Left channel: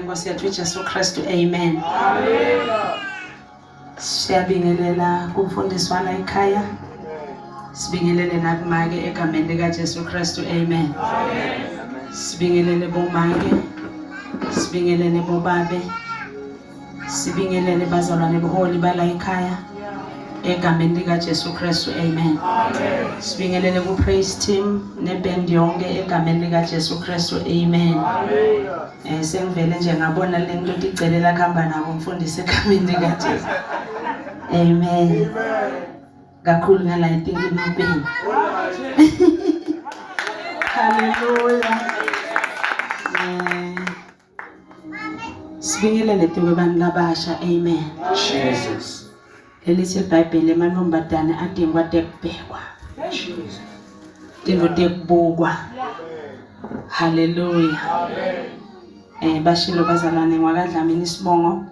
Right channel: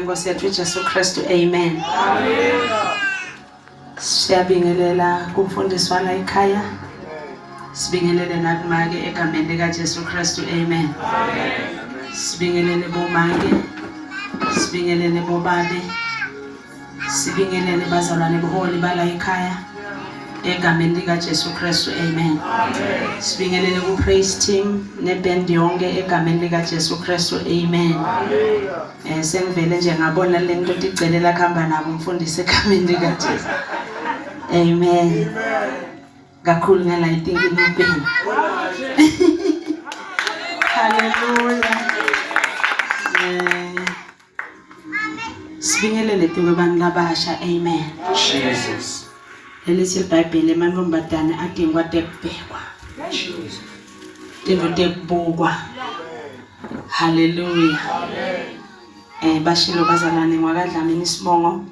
Nkosi yethu Jesu Kristu, amen. Siyabingelela kumfundiswana ekhaya. Sibingelele nakumake egameni lika Jesu Kristu, amen. Sibingelele bomake, sibingelele bobabe, sibingelele bazalwane boholi bala ekhaya egameni lika Jesu Kristu, amen. Sibingelele ku praise team neband yonke egameni lika Jesu Kristu, amen. Sengivele nje ngabona le nto icelela khamba nabo umfundisi egameni lika Jesu, amen. Kakhulu ngala I think inobeni. Hallelujah. Sibingelele abantu labasha, amen. Jesus. Lelithi iBhayibheli emantombazane adingwa tekubhekwa. Jesus. Into tekubukwa. Hallelujah. Bashilo bazalwane ngwakadlamini isibongo.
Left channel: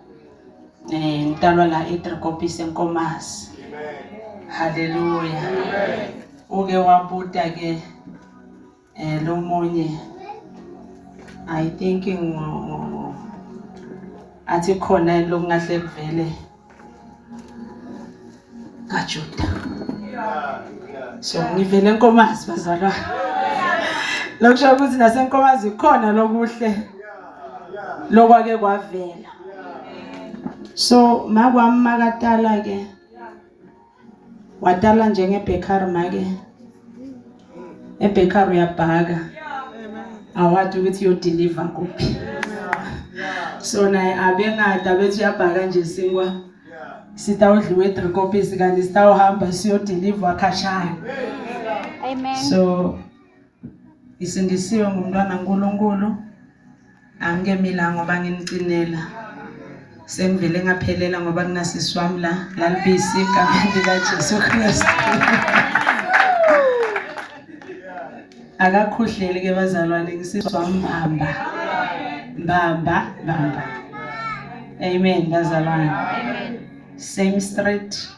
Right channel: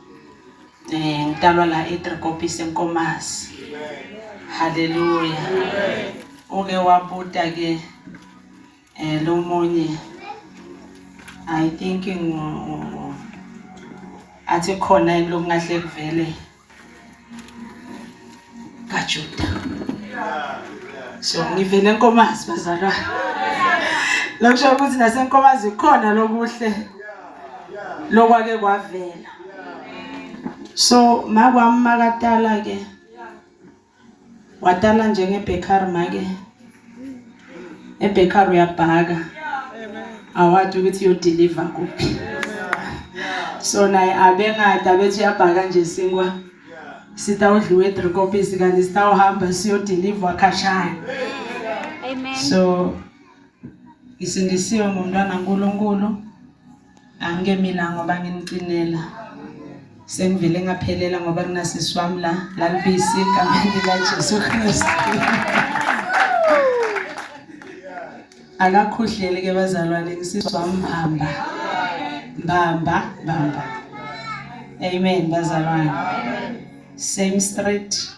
Ngitalwa la eDriekopies eNkomazi. Hallelujah. Uke wabuta ke lo monye I think athi khona lokungahle kuvele kaJuda. So ngivele eNkomazi bazalwane. Lokusho ukuthi naseNkomazi khona lokuhle lokwake kwavela. So makwami makatala ke watala njengebakery make ebakery uyabhaka awathi ukuthi yo deliver kuphi. So naye abengada bethi uyabhaka nje sinkwa sitawudliwe eDriekopies kanti sitawuhamba siyo deliver khashana. Amen. So isindisiwe ngumntwana uNkulunkulu angemila ngoba nginicinela. Sengivele ngaphelela ngoba kunasisi wami la lalibisi egameni lika Jesu Kristu. Akakhuhlele ke bazalwane ngisisi wami bamba. Amen bazalwane. Same street.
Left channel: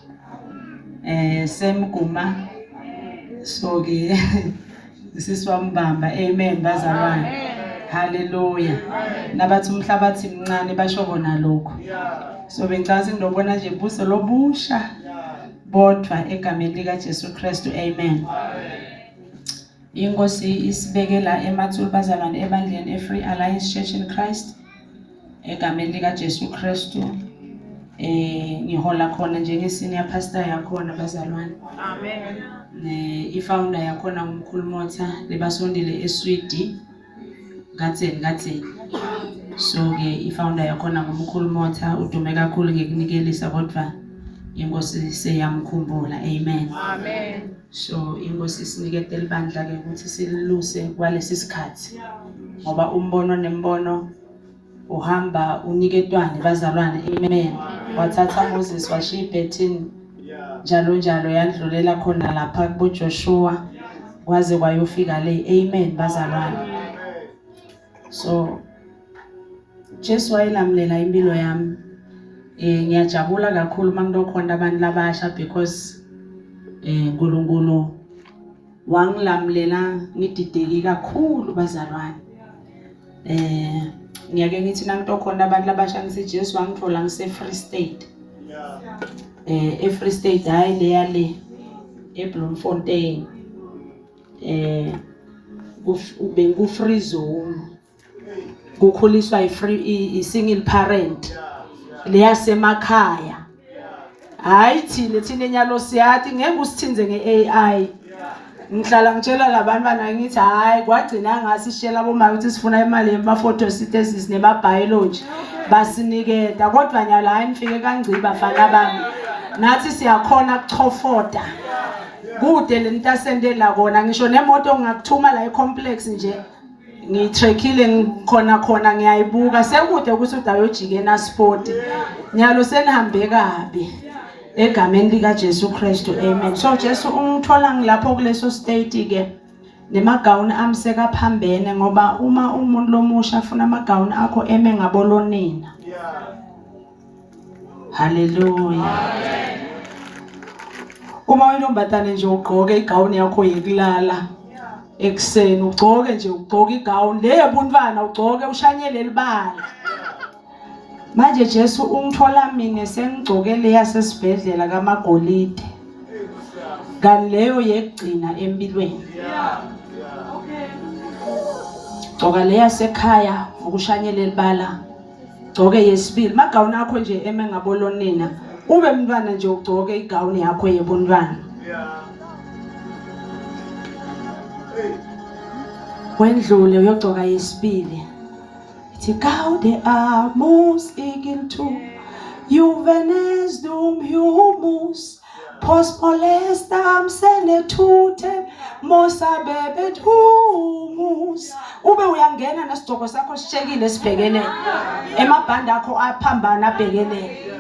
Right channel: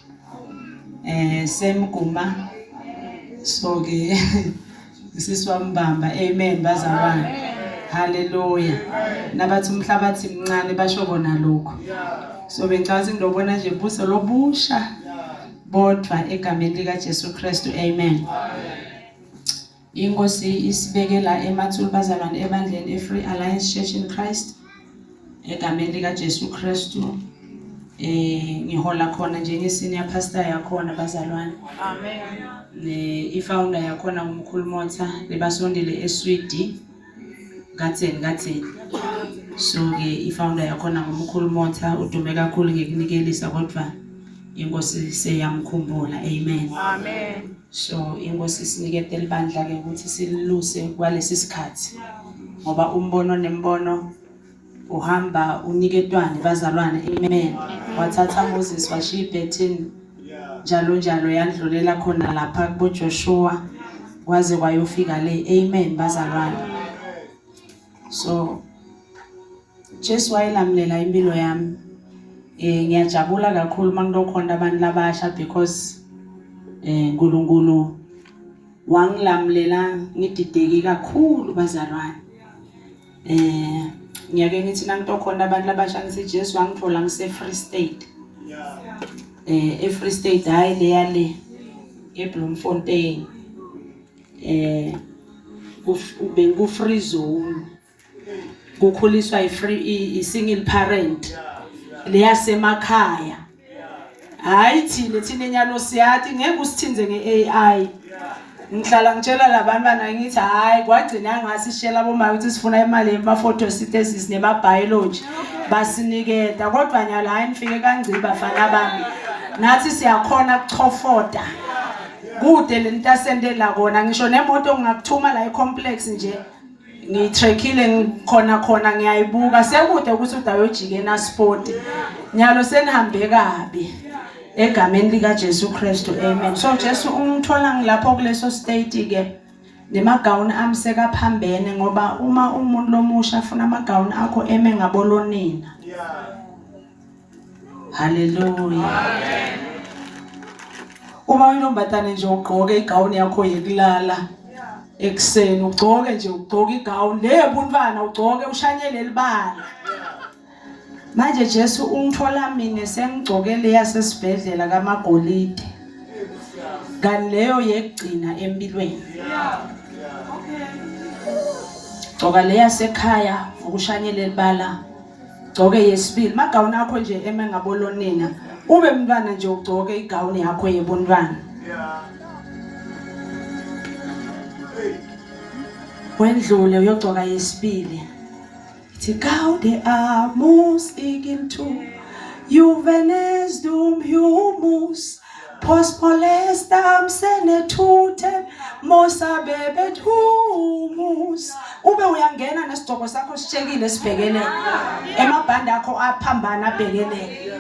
Same guma. So ke ngisisi wami bamba. Amen bazalwane. Hallelujah. Nabathi umhlabathi mncane basho bona lokho. So bengicazi ngidobona nje buso lobusha bodwa egameni lika Jesu Kristu, amen. Inkosi isibekela emathulu bazalwane ebandleni eFree Alliance Church in Christ egameni lika Jesu Kristu. Ngihola khona njenge senior pastor yakhona bazalwane. Amen. Ifounder yakhona ngumkhulu Motha lebasondele eSwidi. Gatseni. So ke ifounder yakhona ngumkhulu Motha udume kakhulu ngekunikelisa kodwa inkosi seyamkhumbula, amen. Amen. So inkosi sinikete libandla ke ukuthi siluse kwalesi sikhathi ngoba umbono nembono uhamba uniketwane bazalwane, amen. Wathatha Moses washiya iBethini njalo yandlulela khona lapha kubo Joshua kwaze kwayofika le, amen bazalwane. So Jesu wayelamlela impilo yami. Ngiyajabula kakhulu mangilokhona abantu labasha because uNkulunkulu wangilamulela ngidideki kakhulu bazalwane. Ngiyake ngithi nangilokhona abantu labasha ngithi Jesu wangithola ngise Free State. eFree State hayi le yale eBloemfontein. Ku free zone. Kukhuliswa i-single parent leyasemakhaya. Hayi thina enyalo siyathi ngeke usithinze ngeAI. Ngihlala ngitshela labantwana ngithi hayi kwagcina ngasi sishela bomama ukuthi sifuna imali yema-photosynthesis nema-biology basiniketa kodwa nyala hayi nifike kangciba bafana bami. Nathi siyakhona kuchofoda. Kude lento asendela kona ngisho nemoto ngingakuthuma la ecomplex nje. Ngitrekile ngikhona ngiyayibuka sekude ukuthi udayojike nasport. Nyalo senihambe kabi egameni lika Jesu Kristu, amen. So Jesu ungithola ngilapho kuleso state ke nemagawuni amseka phambene ngoba uma umuntu lomusha afuna amagawuni akho eme ngabolonina. Hallelujah. Uma intombatane nje ugqoke igawuni yakho yekulala ekseni ugqoke nje ugqoke igawuni lebuntwana ugqoke ushanyele libala Manje Jesu ungithola mina sengigcokele yasesibhedlela kaMagolide. Kanti leyo yekugcina empilweni. Gcoka leya sekhaya ukushanyela elibala. Gcoke yesibili magawuni akho nje emengabolonina. Ube mntwana nje ugcoke igawuni yakho yebuntwana. Wendlule uyogcoka yesibili. Ithi gaude amos igintu juvenes dum humus pospolestam senetute mosabebet humus. Ube uyangena nesigcoko sakho sishekile sibhekele emabhandi akho aphambana abhekele.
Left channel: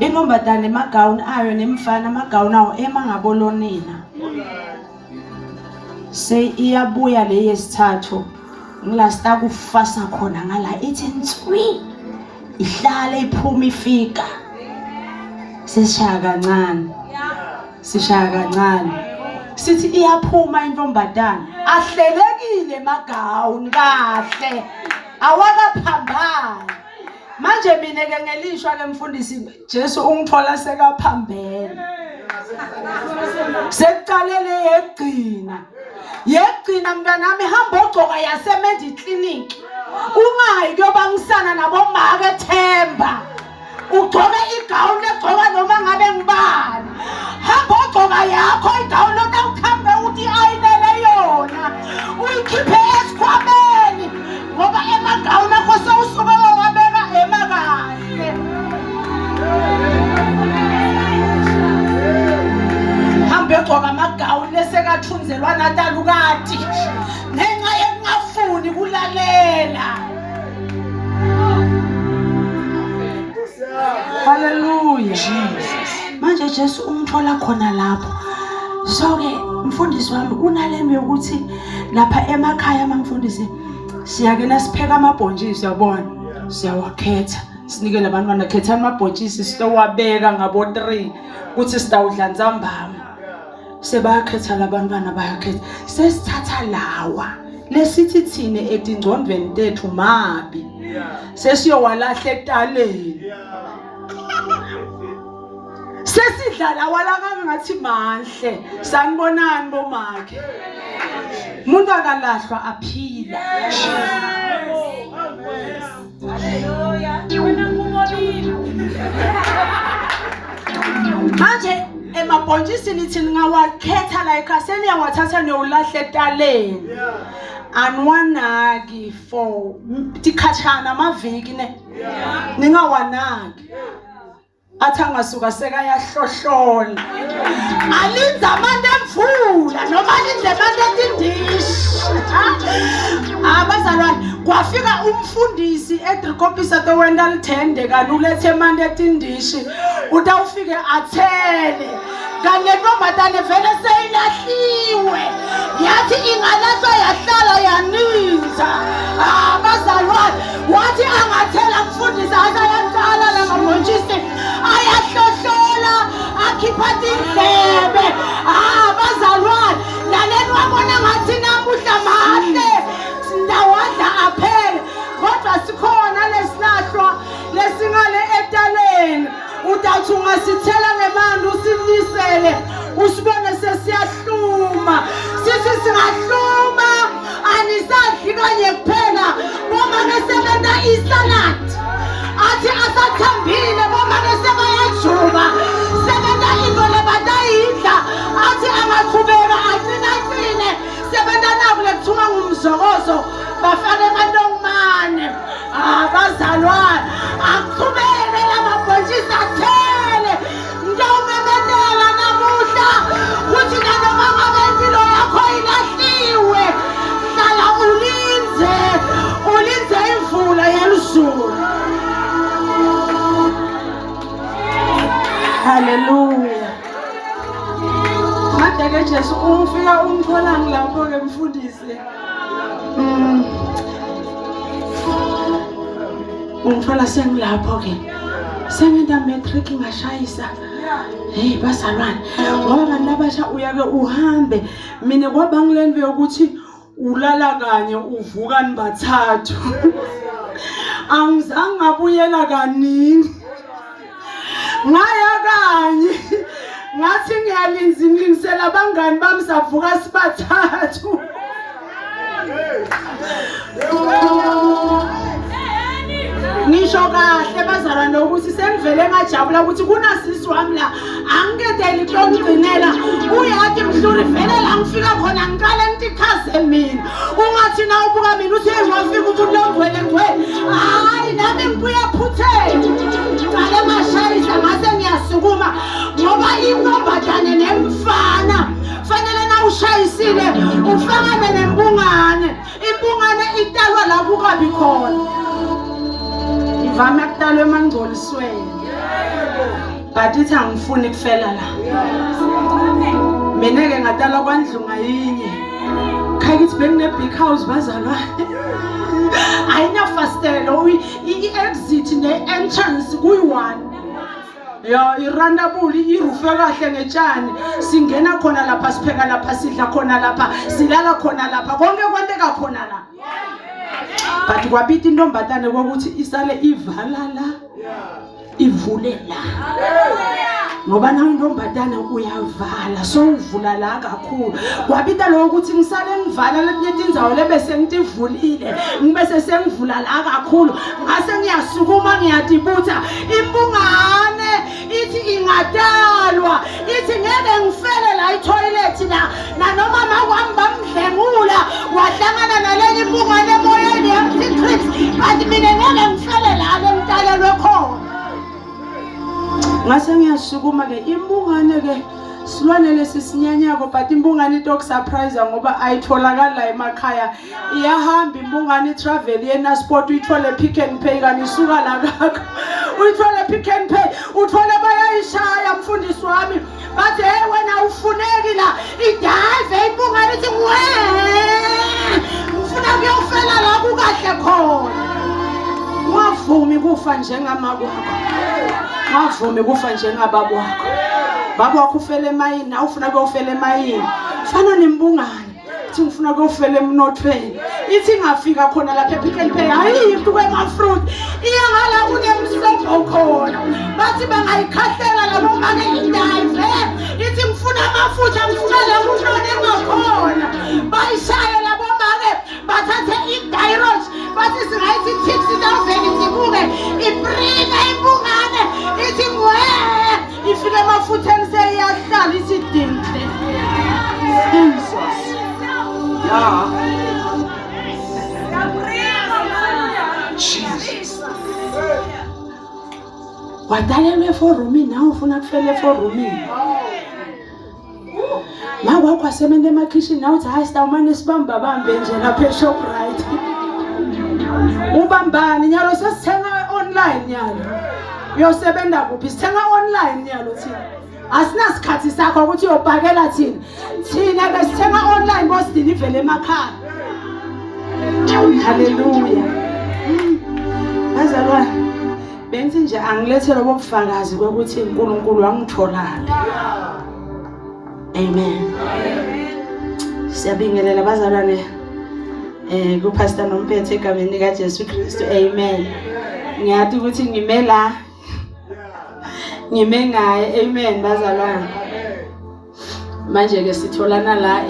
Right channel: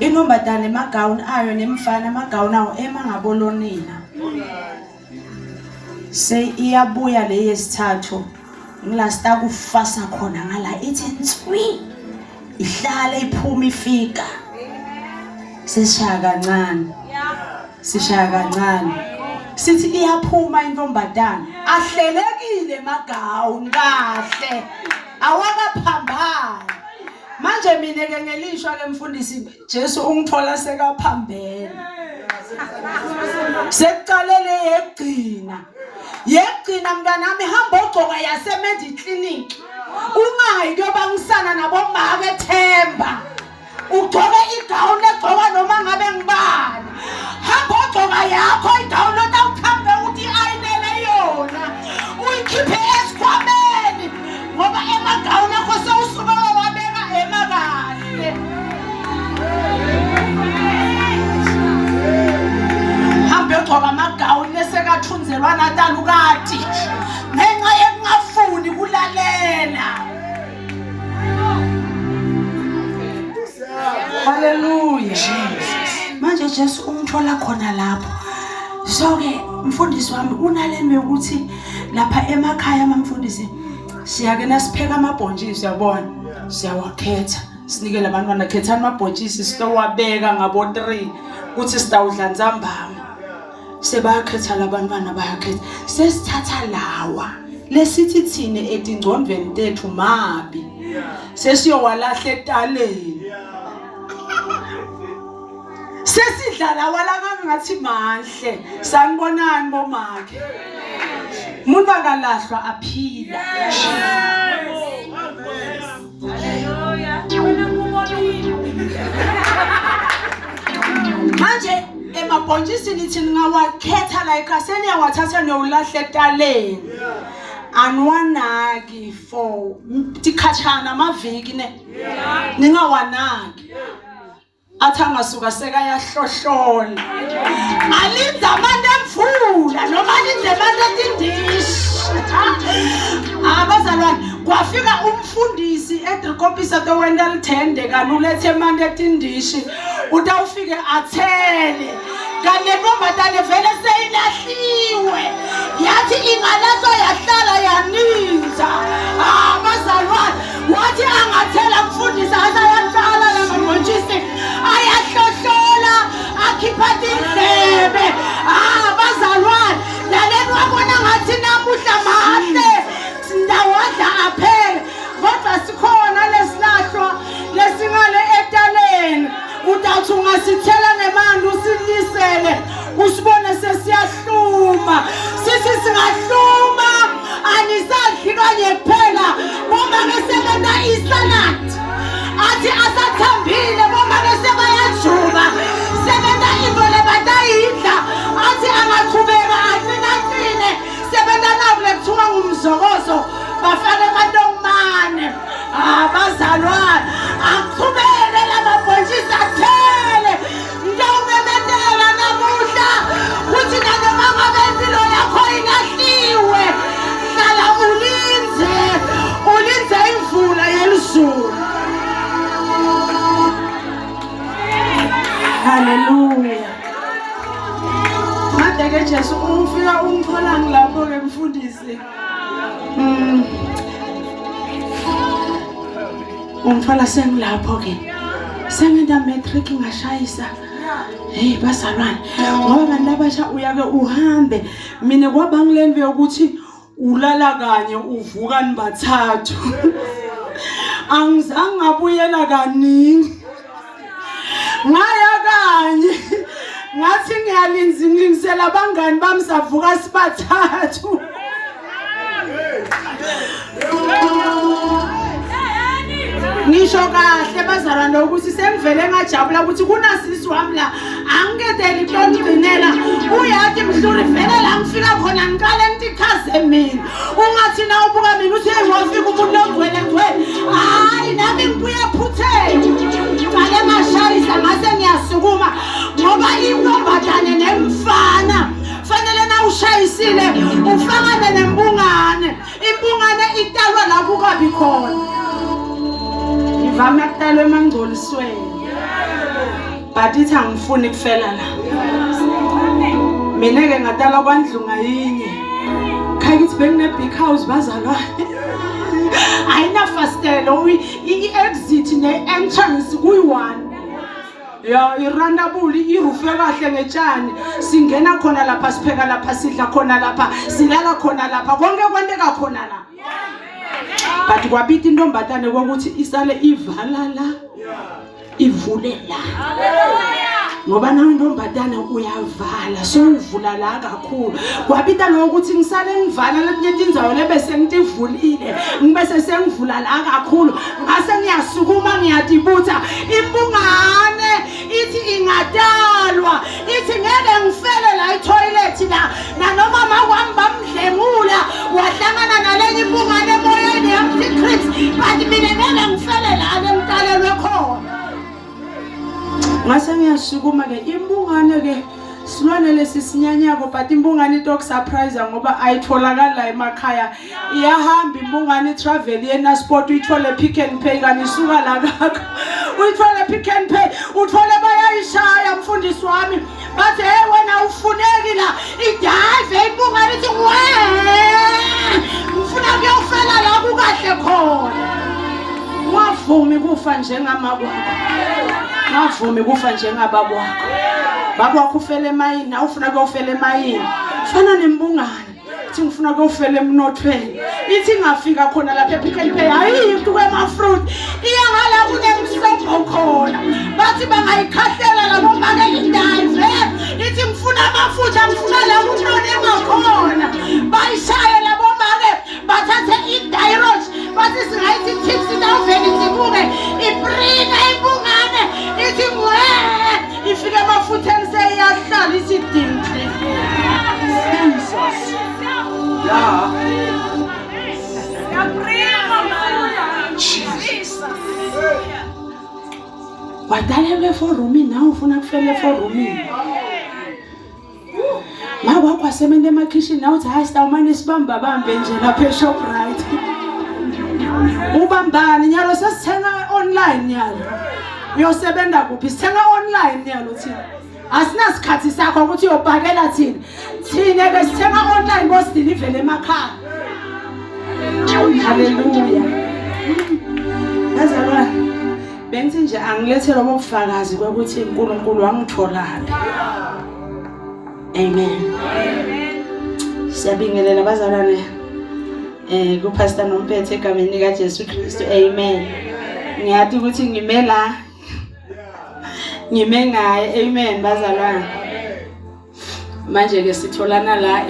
Intombazane amagawuni ayo nemfana amagawuni awo emangabolonina. Say iyabuya le yesithathu ngilasta kufasa khona ngala ithi nswi ihlala iphuma ifika sishaya kancane sithi iyaphuma intombazane ahlelekile magawuni kahle awakaphambana. Manje mina ke ngelishwa ke mfundisi Jesu ungithola sekaphambene sekuqalele yegcina mntanami hamba ogcoka yasemendi clinic ungayi kuyobangisana nabomama eThemba ugcoke igawuni egcoka noma ngabe ngibani. Hamba ogcoka yakho igawuni otawukhambe uthi ayinele yona uyikhiphe esikhwameni ngoba emagawuni akho sewusuke wabeka emakahle. Hambe ogcoka amagawuni lesekathunzelwa natalukati ngenxa yekungafuni kulalela. Hallelujah. Jesus. Manje Jesu ungithola khona lapho. So ke mfundisi wami unalemi yokuthi lapha emakhaya mangifundisi siyake nasipheka amabhontshisi yabona siyawakhetha sinikele abantwana khethani amabhontshisi sitowabeka ngabo 3 kuthi sitawudla nzambama. Sebakhetha labantwana bayakhetha sesithatha lawa lesithi thine etingcondweni tethu mabi sesiyowalahla etaleni sesidlala wala ngathi mahle sanibonani bomakhe umuntu akalahlwa aphila. Manje emabhontshisi nithi ngawakhetha la ekhaseni yawathatha niyolahla etaleni anwanaki for tikhatshana amaviki ne ningawanaki athi angasuka sekayahlohlola alinza amande emvula noma alinze amande etindishi. Abazalwane kwafika umfundisi eDrikopisa towenda lithende kanulethe amande etindishi utawufike athele kanti intombazane vele seyilahliwe yathi ingalahlwa yahlala yaninza. Abazalwane wathi angathela mfundisa asayahlala lamabhontshisi ayahlohlola akhipha indlebe. Abazalwane laleni wabona ngathi namuhla mahle sindawadla aphele kodwa sikhona lesilahlwa lesingale etaleni. Utawuthi ungasithela ngemanzi usilisele usibone sesiyahluma sithi singahluma anisadli kanye kuphela ngoba ngesebenza isalad athi asathambile ngoba ngesebayajuba sebenza into lebatayidla athi angaqhubeka aqine sebenza nabo lekuthiwa ngumzokozo bafake amantongomane. Abazalwane aqhubeke lamabhontshisi athele ndawumemezela namuhla kuthi nanoma ngabe impilo yakho ilahliwe hlala ulinze imvula yelizulu. Hallelujah. Madeke Jesu ufika ungithola ngilapho ke mfundisi. Ungithola sengilapho ke sengenda matric ngashayisa. Hey bazalwane ngoba abantu abasha uyake uhambe mina kwaba ngilenwe ukuthi ulala kanye uvuka nibathathu. Angizange ngabuyela kaningi. Ngaya kanye ngathi ngiyalingisela abangani bami savuka sibathathu. Ngisho kahle bazalwane ukuthi sengivele ngajabula ukuthi kunasisi wami la angiketeli ukungcinela uyathi mhluri vele la ngifika khona ngiqale ngitichaze mina ungathi na ubuka mina uthi ngofika umuntu longwele ngwele hayi nami ngibuya phutheni ngale mashayisa ngase ngiyasukuma ngoba intombazane nemfana fanele na ushayisile ufakane nembungane imbungane italwa la kukabi khona ivame kutalwa emangcolisweni but ithi angifuni kufela la mina ke ngadala kwandlunga yinye khayithi bekune big house bazalwane ayinafastelo i-exit ne-entrance kuyi-1 ya irandabuli irufe kahle ngetshani singena khona lapha sipheka lapha sidla khona lapha silala khona lapha konke kwenteka khona la but kwabita intombatane kokuthi isale ivala la ivule la ngoba nawe intombatane uyavala so uvula la kakhulu kwabita lokho ukuthi ngisale ngivala letinye indzawo lebese ngitivulile ngibese sengivula la kakhulu ngase ngiyasukuma ngiyadibutha imbungane ithi ingadalwa ithi ngeke ngifele la itoilet la nanoma makwami bamdlengula wahlangana nalenye imbungane emoyeni yamticrips but mina ngeke ngifele la lemtalelwe khona ngase ngiyasukuma ke imbungane ke silwane lesisinyanyako but imbungane into surprise ngoba ayitholakala la emakhaya iyahamba imbungane travel yena sport uyithole Pick n Pay kanisuka la kakho uyithole Pick n Pay uthole bayayishaya mfundisi wami bathi hey wena ufuneki la idive imbungane ithi we ufuna kuyofela la kukahle khona wavumi kufa njengama kwakho wavumi kufa njengababa wakho baba wakho ufele emayini awufuna kuyofela emayini fana nembungane ithi ngifuna kuyofela emnothweni ithi ngafika khona lapha Pick n Pay ayikho kwemafruit iyangala kunemsobo khona bathi bangayikhahlela labo make idive ithi ngifuna amafutha ngifuna la umntwana engakhona bayishaye labo make bathathe idirect bathi singayithi tiksi dawuveni sibuke ibrina imbungane ithi ngwe ifike amafutheni seyahlala isidimhle Jesus ya Jesus wadalelwe forumini nawe ufuna kufele forumini ngabe wakho asebenza emakhishini nawe uthi hayi sitawumane sibamba bambe nje lapha eShoprite ubambani nyalo sesithenga online nyalo uyosebenza kuphi sithenga online nyalo thina asinasikhathi sakho ukuthi uyobhakela thina ke sithenga online boss deliver emakhaya haleluya bazalwane benzi nje angilethele ubufakazi ukuthi uNkulunkulu wangitholaphi amen siyabingelela bazalwane kuPastor Nomphethe egameni lika Jesu Kristu amen ngiyathi ukuthi ngime ngaye amen bazalwane manje ke sitholana la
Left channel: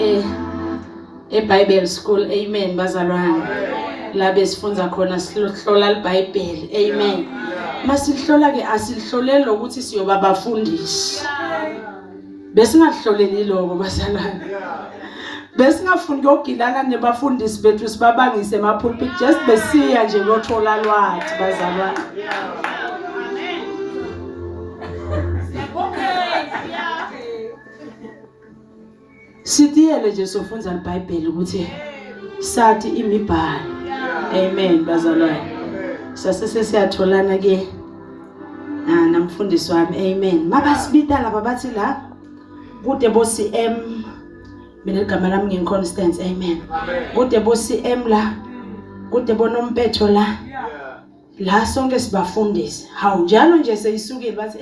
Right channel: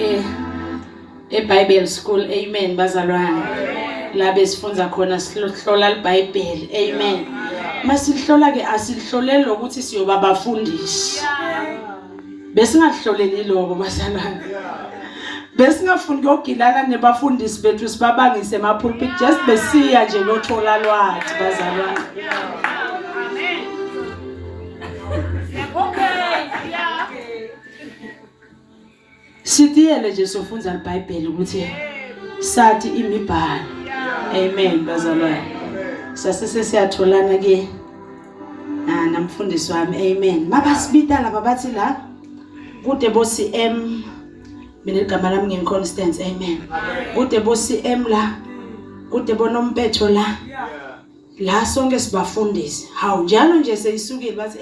eBible School amen bazalwane la besifunza khona sihlola iBhayibheli amen masihlola ke asihlolele ukuthi siyoba abafundisi besingahloleli lokho bazalwane besingafuni ukugilana nebafundisi bethu sibabangise emapulpit just besiya nje lokuthola lwathi bazalwane sithiyele nje sofunza iBhayibheli ukuthi sathi imibhalo amen bazalwane sasese siyatholana ke namfundisi wami amen mabasibita laba bathi la kude bo CM mina igama lami nginConstance amen kude bo CM la kude bonompetho la sonke sibafundisi hawu njalo nje seyisukile bathi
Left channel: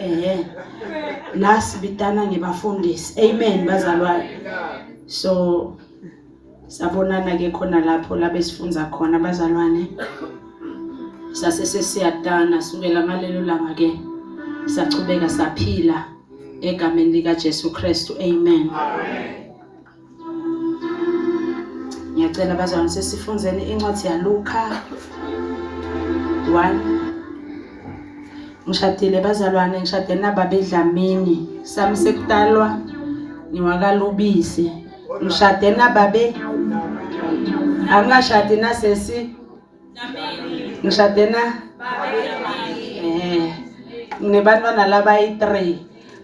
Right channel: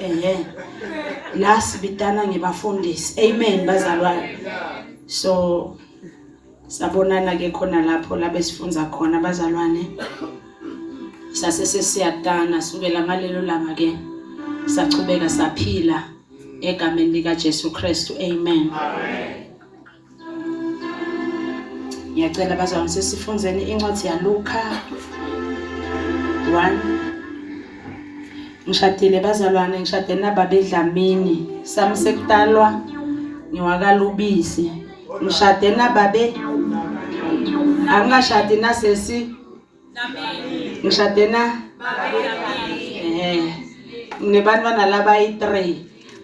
la sibitana ngibafundisi amen bazalwane so Sabonana ke khona lapho la besifunza khona abazalwane. Sasesiyadana sukela ngalelo langa ke sachubeka saphila egameni lika Jesu Kristu. Amen. Ngiyacela abazalwane sesifunzeni incwadi yaLuka 1. Ngishadile bazalwane, ngishade nababa eDlamini. Sami sekutalwa ngiwakalubisi. Ngishade nababe angashadi nasesi ngishade na nebantwana laba yi3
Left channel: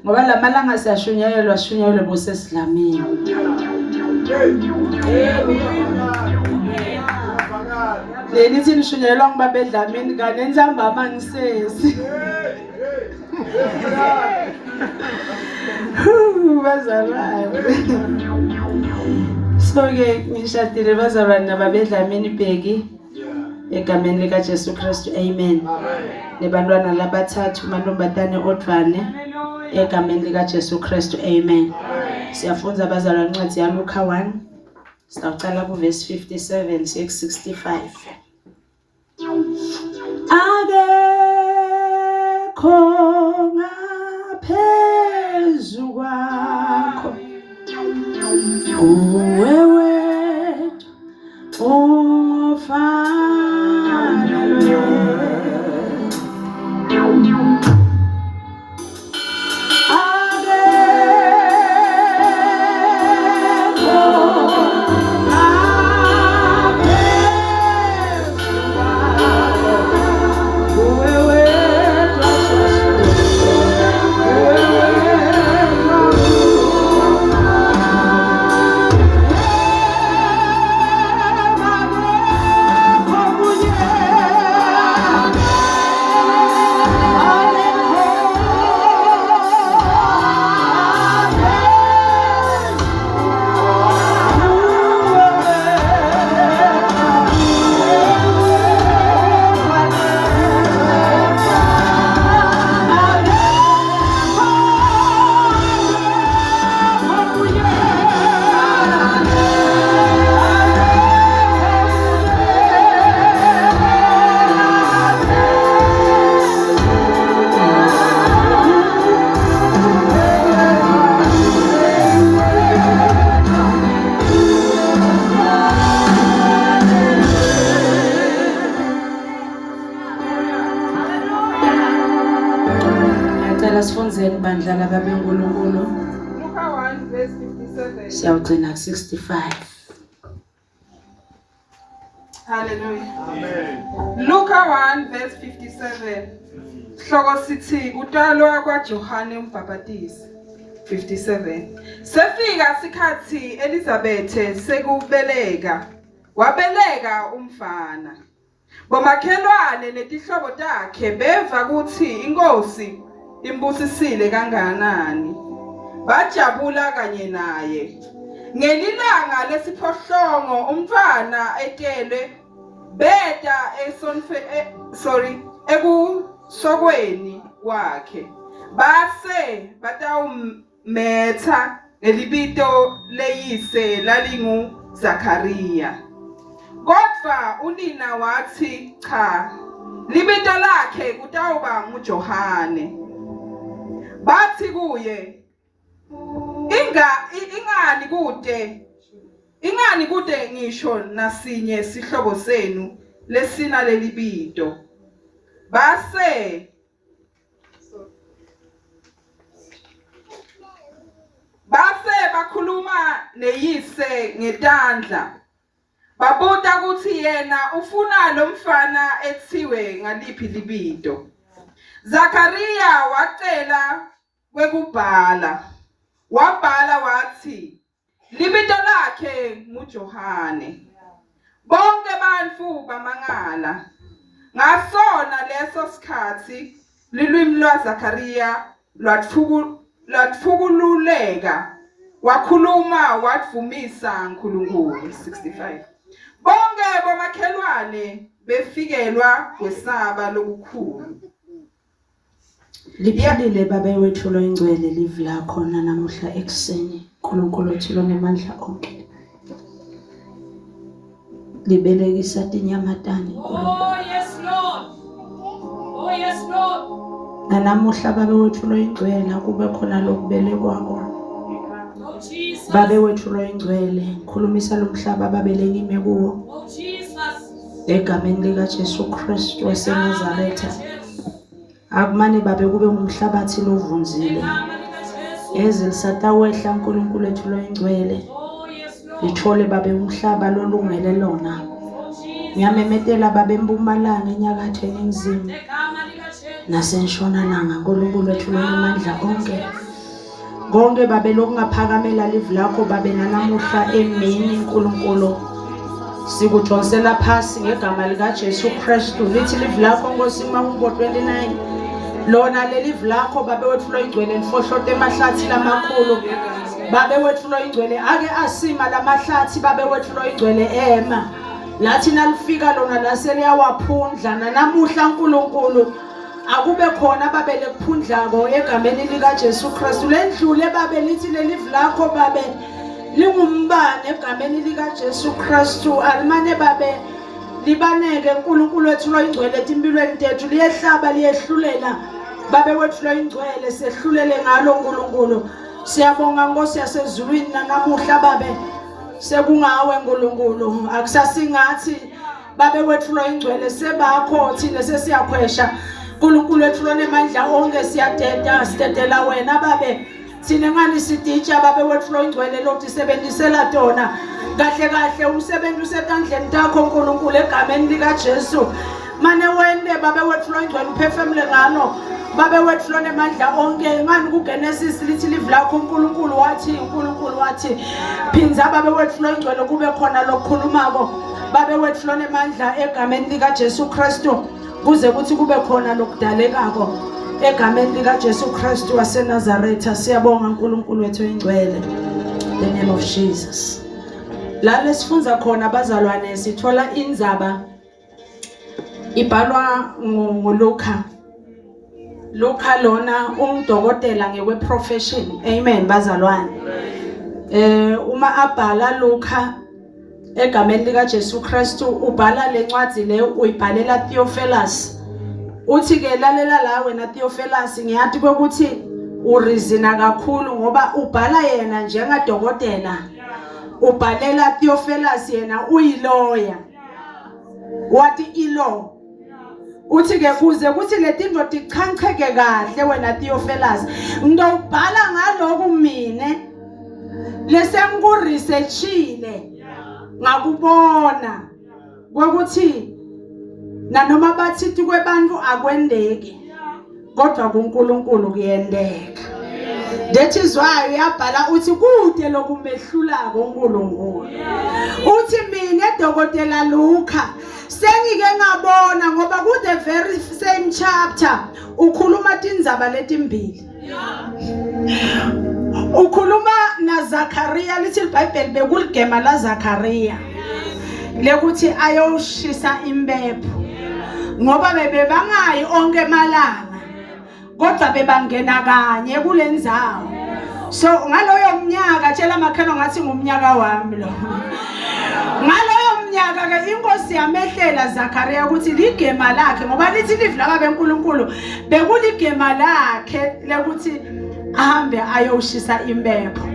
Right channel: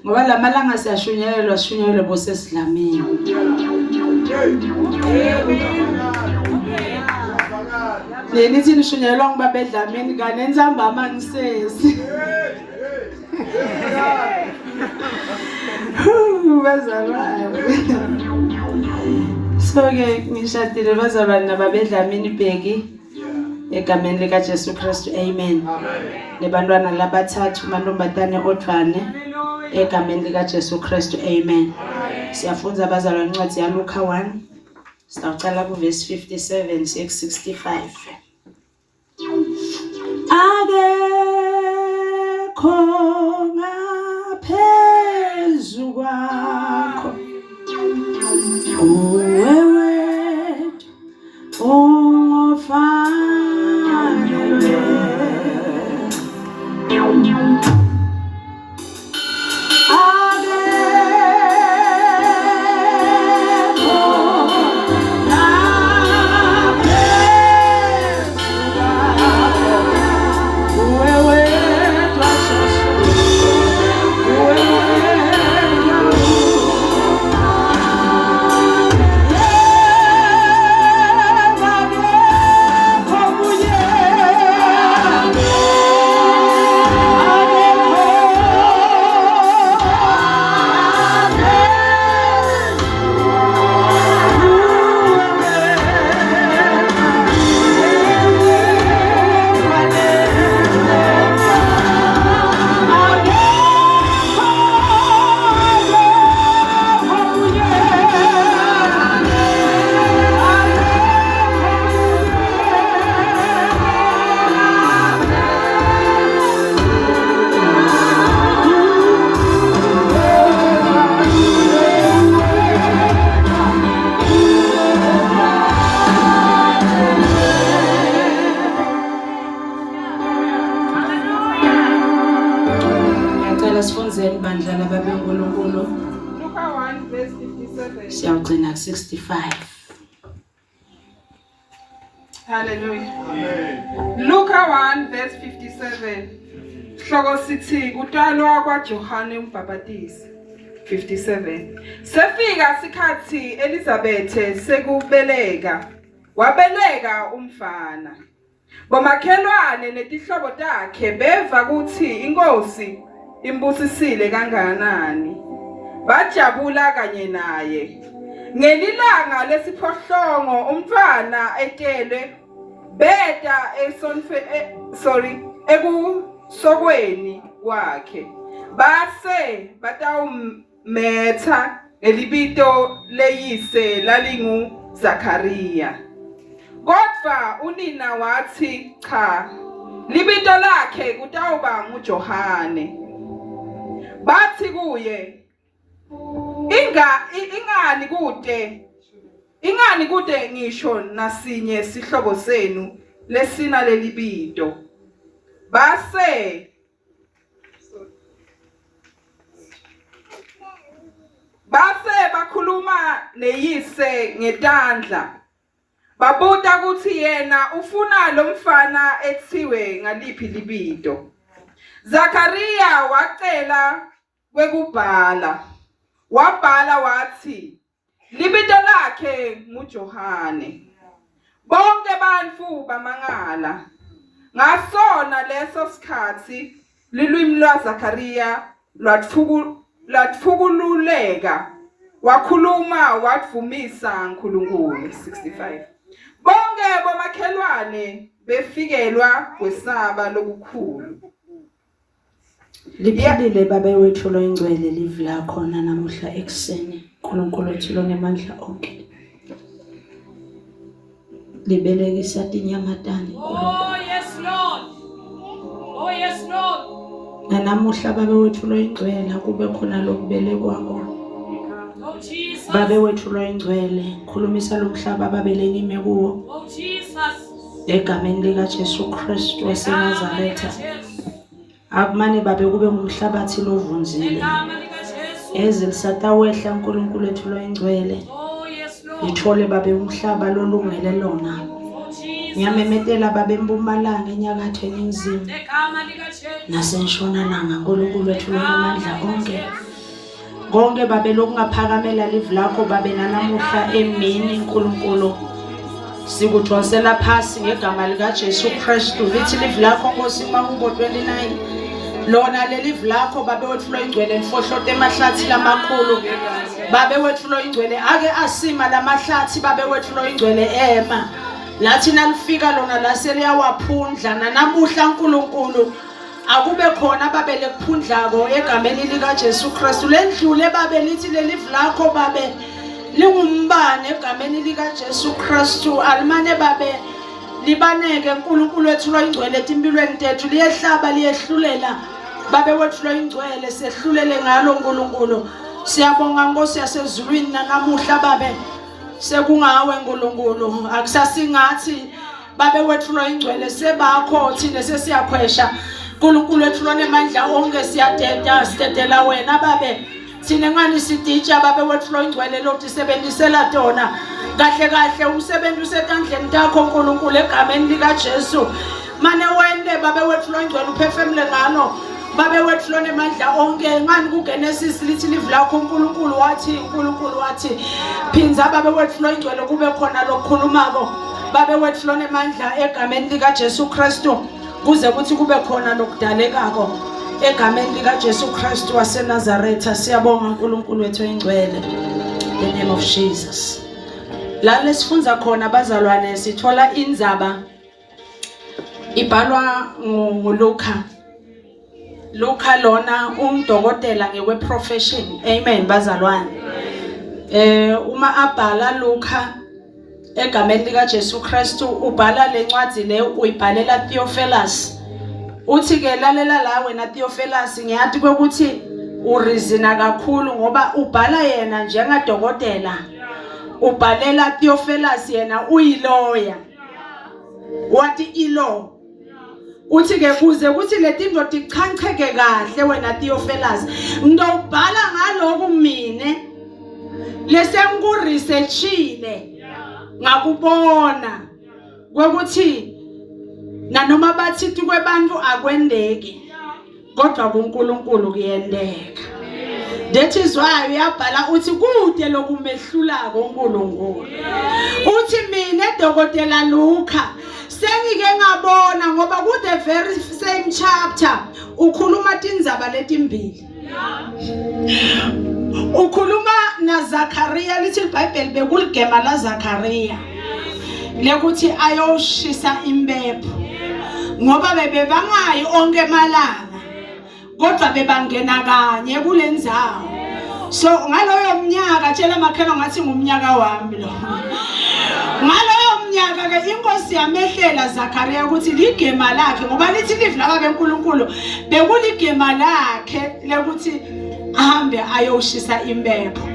ngoba lamalanga siyashunyayelwa bosesidlamini. Lenithi nishunyayelwa ngibaba eDlamini kanenzambama ngisesi. Bazalwane. So ke ngishadile bazalwane nababa eDlamini Bheki egameni lika Jesu Kristu. Amen. Nebantwana labathathu mantombazane odvane egameni lika Jesu Kristu. Amen. Siyafunza abazalwane incwadi yaLuka 1 sicala ku verse 57 siye ku 65. Akekho ngaphezu kwakho wewe ofanele Sifunzeni bandla lababe uNkulunkulu. Luka 1 verse 57. Siyawugcina 65. Hallelujah. Amen. Luka 1 verse 57. Hloko sithi kutalwa kwaJohane uMbhapatisi. 57. Sefika isikhathi Elizabeth sekubeleka. Wabeleka umfana. Bomakhelwane netihlobo takhe beva kuthi inkosi imbusisile kangakanani. Bajabula kanye naye. Ngelilanga lesiphohlongo umfana etelwe beta ekusokweni kwakhe. Base batawumetha elibito leyise lalingu Zakaria. Kodwa unina wathi cha, libito lakhe kutawuba nguJohane. Bathi kuye, ingani kude ngisho nasinye sihlobo senu lesina lelibito. Base bakhuluma neyise ngetandla. Babuta kuthi yena ufuna lo mfana ethiwe ngaliphi libito. Zakaria wacela kwekubhala. Wabhala wathi libito lakhe nguJohane. Bonke bantfu bamangala. Ngasona leso sikhathi lilwimi lwaZakaria lwatfukululeka. Wakhuluma wadvumisa uNkulunkulu. 65. Bonke bomakhelwane befikelwa kwesaba lokukhulu. Liphilile baba wethu loyingcwele live la khona namuhla ekseni. uNkulunkulu uthilo ngemandla onke. libelekisa tinyamatane Oh yes Lord. Oh yes Lord. nanamuhla babe wethu loyingcwele kube khona lokubelekwa kona Oh Jesus. babe wethu loyingcwele ngikhulumisa lo mhlaba babeleke ime kuwo Oh Jesus. egameni lika Jesu Kristu waseNazaretha akumane babe kube ngumhlabathi lovunzile ezilisatawehla uNkulunkulu wethu loyingcwele Oh yes Lord. ithole babe umhlaba lolungele lona Oh Jesus. ngiyamemetela babe empumalanga enyakatho eningizimu Egama lika Jesu. nasentshonalanga uNkulunkulu wethu lonamandla onke konke babe lokungaphakamela live lakho babe nanamuhla emini uNkulunkulu sikudonsela phasi ngegama lika Jesu Kristu lithi live lakho Nkosi Mawubo 29 lona lelive lakho babe wethu loyingcwele lifohlote emahlathi lamakhulu babe wethu loyingcwele ake asima lamahlathi babe wethu loyingcwele ema lathi nalifika lona laseliyawaphundla nanamuhla uNkulunkulu akube khona babe lekuphundlako egameni lika Jesu Kristu lendlule babe lithi lelive lakho babe lingumbane egameni lika Jesu Kristu alimane babe libaneke uNkulunkulu wethu loyingcwele empilweni tethu liyehlaba liyehlulela babe wethu loyingcwele sehlulele ngalo uNkulunkulu siyabonga Nkosi yasezulwini nanamuhla babe sekungawe uNkulunkulu akusasingathi babe wethu loyingcwele sebakho thina sesiyakhwesha uNkulunkulu wethu lonemandla onke siyadedela wena babe thina ngani siditsha babe wethu loyingcwele lokusebenzisela tona kahle umsebenzi usetandleni takho uNkulunkulu egameni lika Jesu mane wende babe wethu loyingcwele uphefemule ngalo babe wethu lonemandla onke ngani kuGenesis lithi live lakho uNkulunkulu wathi phinza babe wethu loyingcwele kube khona lokukhulumako babe wethu lonemandla egameni lika Jesu Kristu kuze kuthi kube khona lokudalekako egameni lika Jesu Kristu waseNazaretha siyabonga uNkulunkulu wethu oyingcwele in the name of Jesus la lesifunza khona bazalwane sithola indzaba ibhalwa ngoLuka lona ungudokotela ngekwe profession amen bazalwane uma abhala Luka egameni lika Jesu Kristu ubhala lencwadi le uyibhalela Theophilus uthi ke lalela la wena Theophilus ngiyathi ukuthi urizina kakhulu ngoba ubhala yena njengadokotela ubhalela Theophilus yena uyiloya wathi ilo uthi ke kuze kuthi letinto tichancheke kahle wena Theophilus ngizobhala ngaloko mine lesengikuresearchile ngakubona ukuthi nanoma bathi kwebantu akwendeki kodwa kuNkulunkulu kuyendeka that is why uyabhala uthi kude lokumehlulako uNkulunkulu uthi mina edokotela Luka sengike ngabona ngoba ku the very same chapter ukhuluma tindzaba letimbili ukhuluma na Zakaria lithi iBhayibheli bekuligema la Zakaria lekuthi ayoshisa impepho ngoba bebebangayi onke emalanga kodwa bebangena kanye kulendzawo so ngaloyo mnyaka tshela makhelo ngathi ngumnyaka wami lo ngaloyo mnyaka ke inkosi yamehlela Zakaria ukuthi ligema lakhe ngoba lithi live laba beNkulunkulu bekuligema lakhe lekuthi ahambe ayoshisa impepho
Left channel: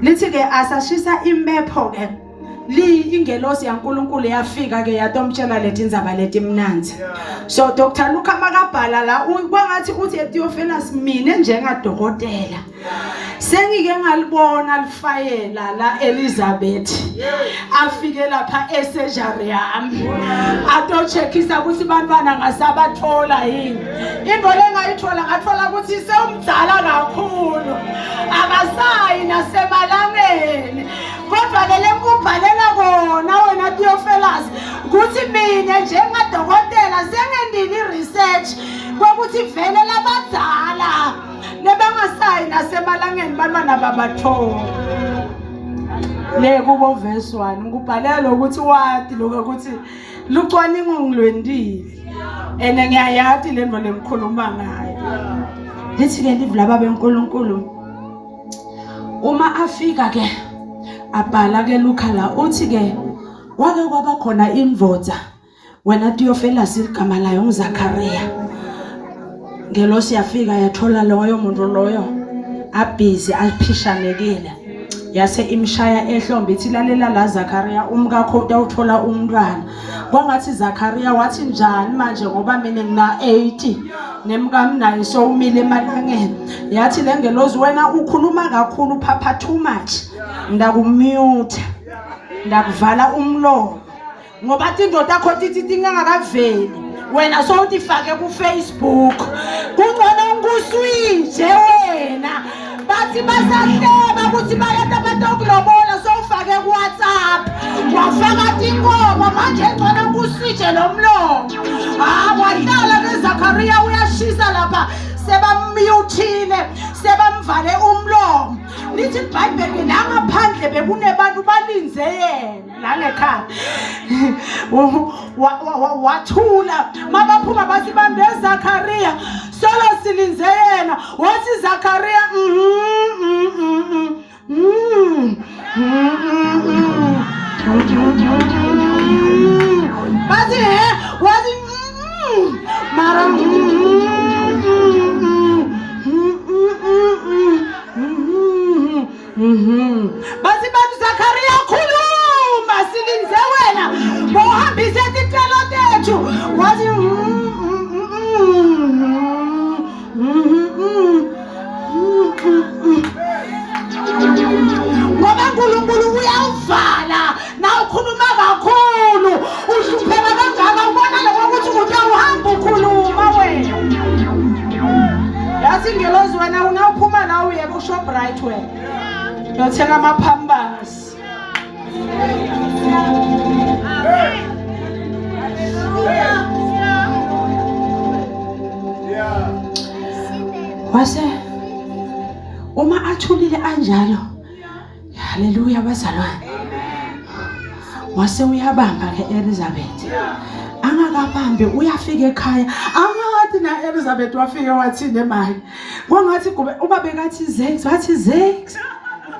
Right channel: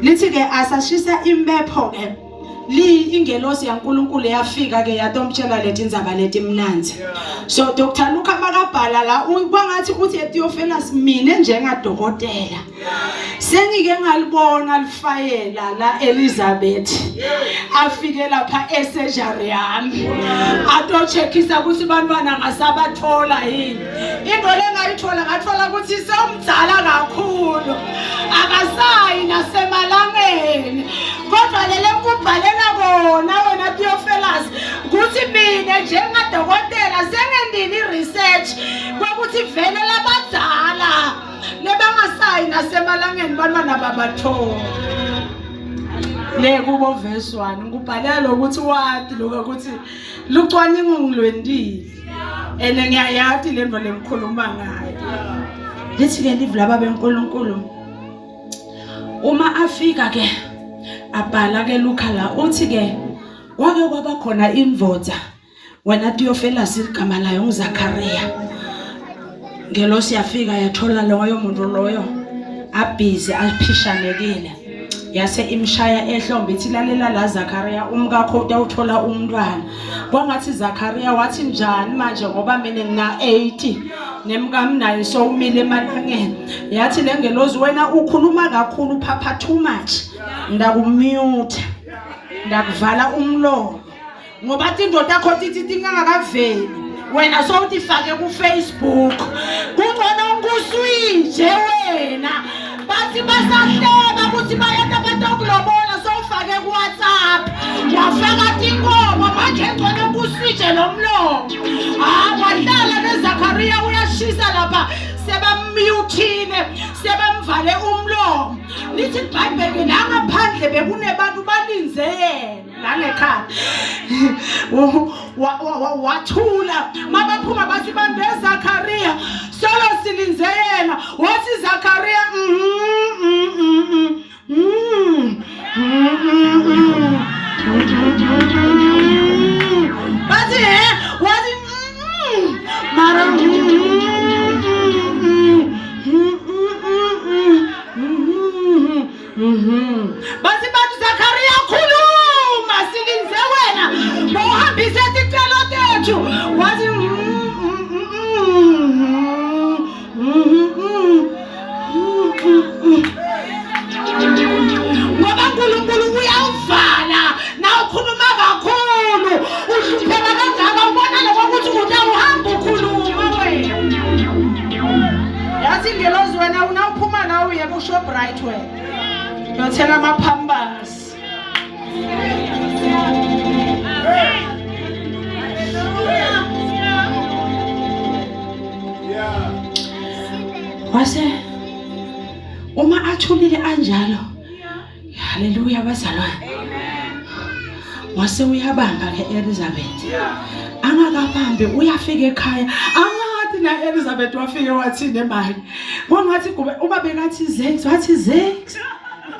lithi ke asashisa impepho ke ingelosi yaNkulunkulu yafika ke yatomtshela letindzaba letimnanzi so Dr. Luka makabhala la kwangathi uthi Theophilus mina njengadokotela sengike ngalibona lifayela la Elizabeth afike lapha esurgery yami atocheckisa ukuthi bantwana ngasabathola yini into lengayithola ngathola ukuthi somdzala kakhulu akasayi nasemalangeni kodwa lele ngubhalela kona wena Theophilus ukuthi mina njengadokotela sengendini research ukuthi vele labadala lebangasayi nasemalangeni bantwana babathola le kubo verse 1 ngubhalela lokuthi wathi lokuthi lucwaningo ngilwendile ene ngiyayathi lento lengikhuluma ngayo lithi ke live laba beNkulunkulu uma afika ke abhala ke Luka la uthi ke kwake kwaba khona indvodza wena Theophilus igama layo nguZakhariya. Ngelosi yafika yathola loyo muntu loyo abhizi aphishanekile. Yase imshaya ehlombe ithi lalela la Zakhariya umkakho utawuthola umntwana. Kwangathi Zakhariya wathi njani manje ngoba mina ngina 80 nemkami naye so umile emalangeni. Yathi lengelozi wena ukhuluma kakhulu papa too much. Ndakumute. Ndakuvala umlomo. Ngoba indoda yakho tithi tingakaveli. Wena so utifake ku Facebook. Kungcono nguswinje wena. Bathi basahleba ukuthi bayenda abantu okulobola sowufake ku WhatsApp. Wafaka ingoma manje ngcono nguswinje lo mlomo. Wahlala neZakhariya uyashisa lapha sebammuthile sebamvale umlomo. Lithi iBhayibheli la ngaphandle bekunebantu balinze yena la ngekhaya. Wathula mabaphuma bathi bande Zakhariya solo silinze yena wathi Zakhariya bathi wathi mara bathi bathi Zakhariya khuluma silinze wena bohambise ticelo tethu wathi ngoba uNkulunkulu uyavala na ukhuluma kakhulu uhlupheka kangaka ubona lokuthi ukuthi uhamba ukhuluma wena. Yathi ngelozi wena unawuphuma la uye ku Shoprite wena yothenga amaphambasi. Wase uma athulile anjalo haleluya bazalwane wase uyabamba ke Elizabeth angakabambe uyafika ekhaya angathi na Elizabeth wafike wathi nemali kwangathi kube uma bekathi Zex wathi Zex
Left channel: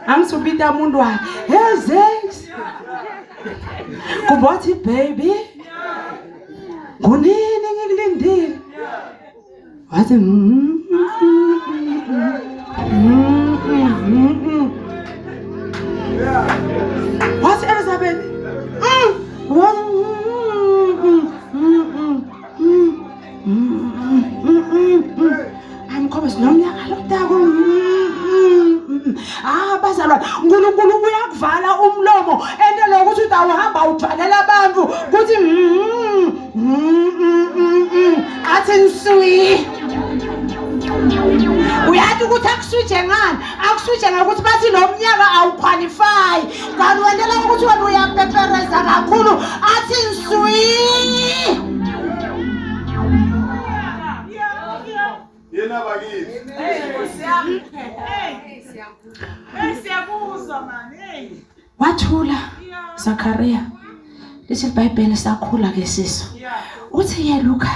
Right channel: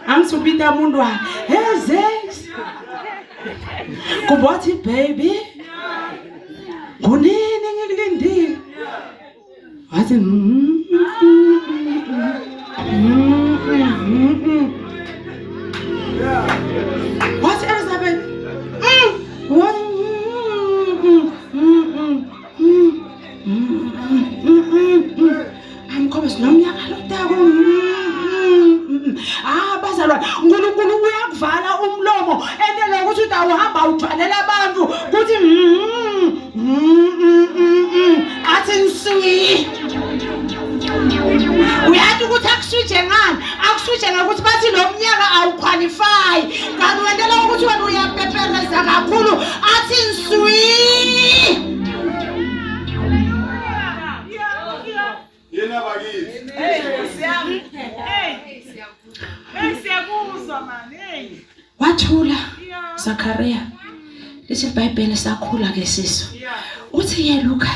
angizubita umuntu wakhe hey Zex kubathi baby kunini ngikulindile wathi what's Elizabeth? I'm coming. Nomnyaka lotako. Bazalwane, uNkulunkulu uyakuvala umlomo ende lokuthi utawuhamba uthwalela abantu kuthi athi nswi. Uyathi ukuthi akuswitche ngani? Akuswitche ngokuthi bathi lo mnyaka awuqualify. Kanti wendela ukuthi wena uyapepereza kakhulu athi nswi. Yena bakithi. Siyabuzwa man. Wathula Zakhariya. Lithi iBhayibheli sakhula ke siso. Uthi ye Luka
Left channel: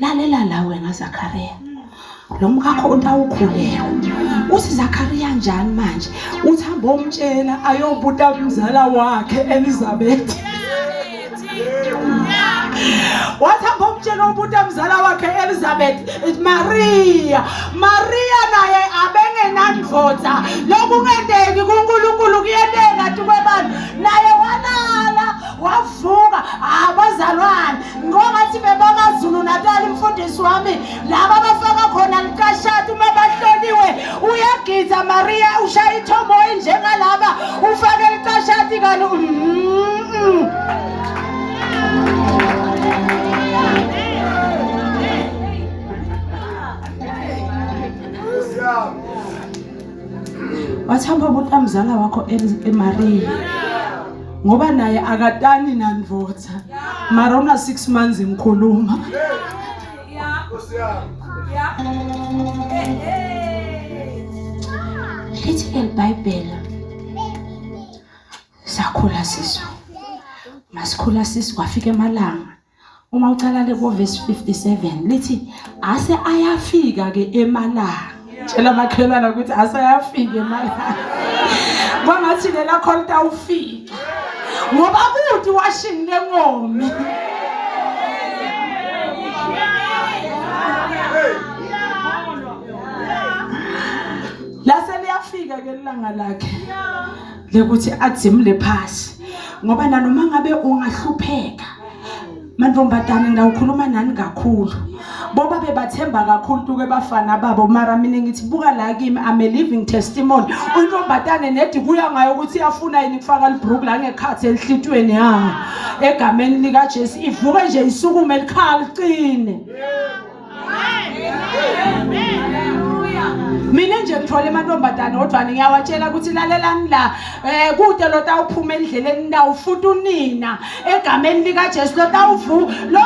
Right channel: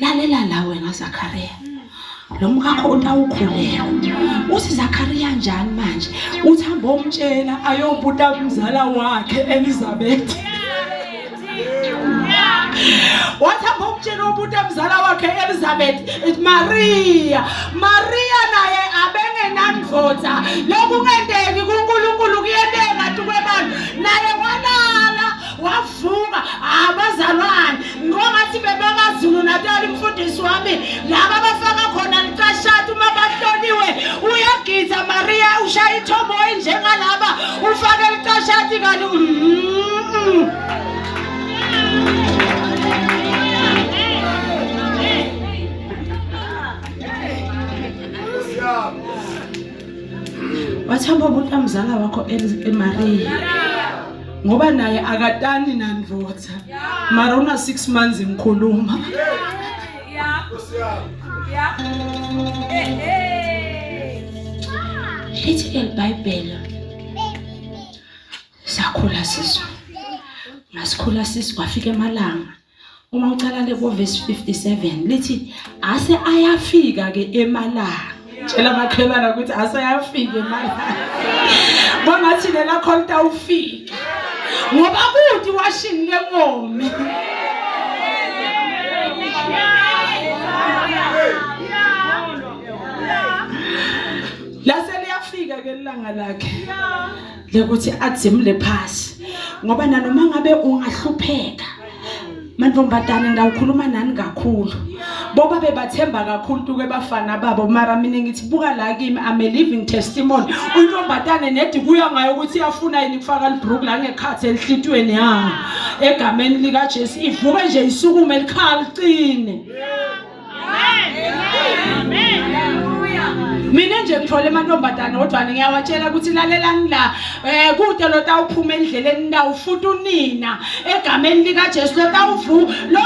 lalela la wena Zakhariya. Lo mkakho utawukhulela. Uthi Zakhariya njani manje? Uthamba umtshela ayobuta umzala wakhe Elizabeth. Wathamba umtshela ubuta umzala wakhe Elizabeth Maria. Maria naye abengenandvodza. Lokungenteki kuNkulunkulu kuyenteka tukwebantu. Naye walala wavuka abazalwane ngoba bebakaZulu Natal umfundisi wami laba bafaka khona likashati uma bahloliwe uyagiza Maria ushaya ithombo njengalaba ufake likashati kani wathamba ukuthi amzala wakho eMaria ngoba naye akatani nandvodza mara una 6 months ngikhuluma lithi iBhayibheli sakhula siso masikhula siso kwafika emalanga uma ucala le ku verse 57 lithi ase ayafika ke emalanga tshela makhelana ukuthi ase ayafika emalanga kwangathi lela khonta ufika ngoba kuthi washini lengomi. Lase liyafika ke ilanga lakhe lekuthi adzimule phasi ngoba nanoma ngabe ungahlupheka mantombazane ngawukhuluma nani kakhulu boba bebathemba kakhulu ke bafana babo mara mina ngithi buka la kimi I'm a living testimony untombazane nedi kuya ngayo ukuthi iyafuna yini kufaka librook la ngekhathi elihlitweni yawo egameni lika Jesu ivuka nje isukume likhala licine. Mina nje ngithole amantombazane odwa ngiyawatshela ukuthi lalelani la kude lo tawuphuma endleleni la ufuthi unina egameni lika Jesu lo tawuvu lo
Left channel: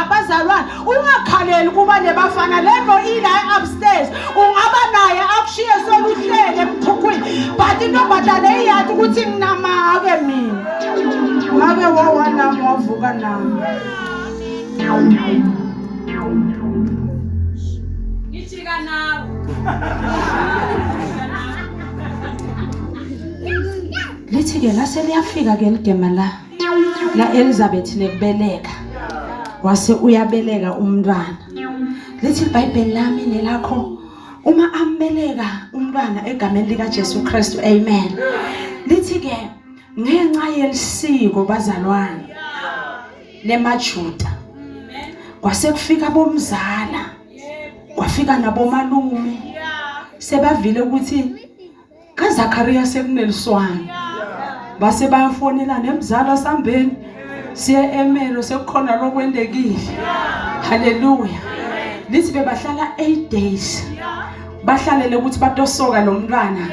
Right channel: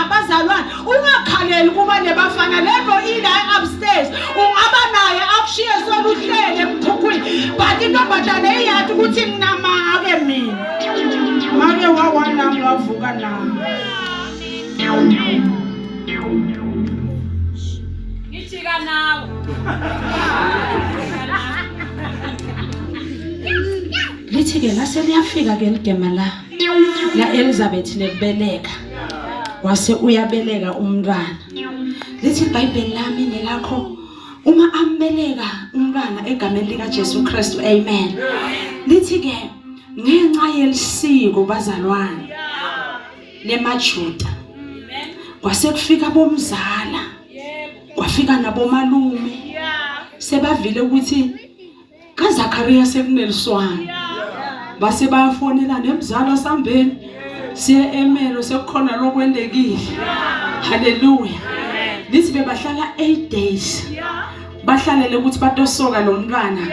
abazalwane ungakhaleli kuba nebafana levo ila upstairs ungaba naye akushiye soluhlele emphukweni but intombazane iyathi ukuthi nginamake mina make wawanami wavuka nami. Lithi ke lase liyafika ke ligema la Elizabeth nekubeleka wase uyabeleka umntwana. Lithi iBhayibheli lami nelakho uma ambeleka umntwana egameni lika Jesu Kristu amen. Lithi ke ngenxa yelisiko bazalwane lemaJuda kwase kufika bomzala kwafika nabomalume sebavile ukuthi kaZakhariya sekuneliswana base bayafonela nemzala sambeni siye emelo sekukhona lokwendekile. Haleluya. Lithi bebahlala 8 days bahlalele ukuthi batosoka lo mntwana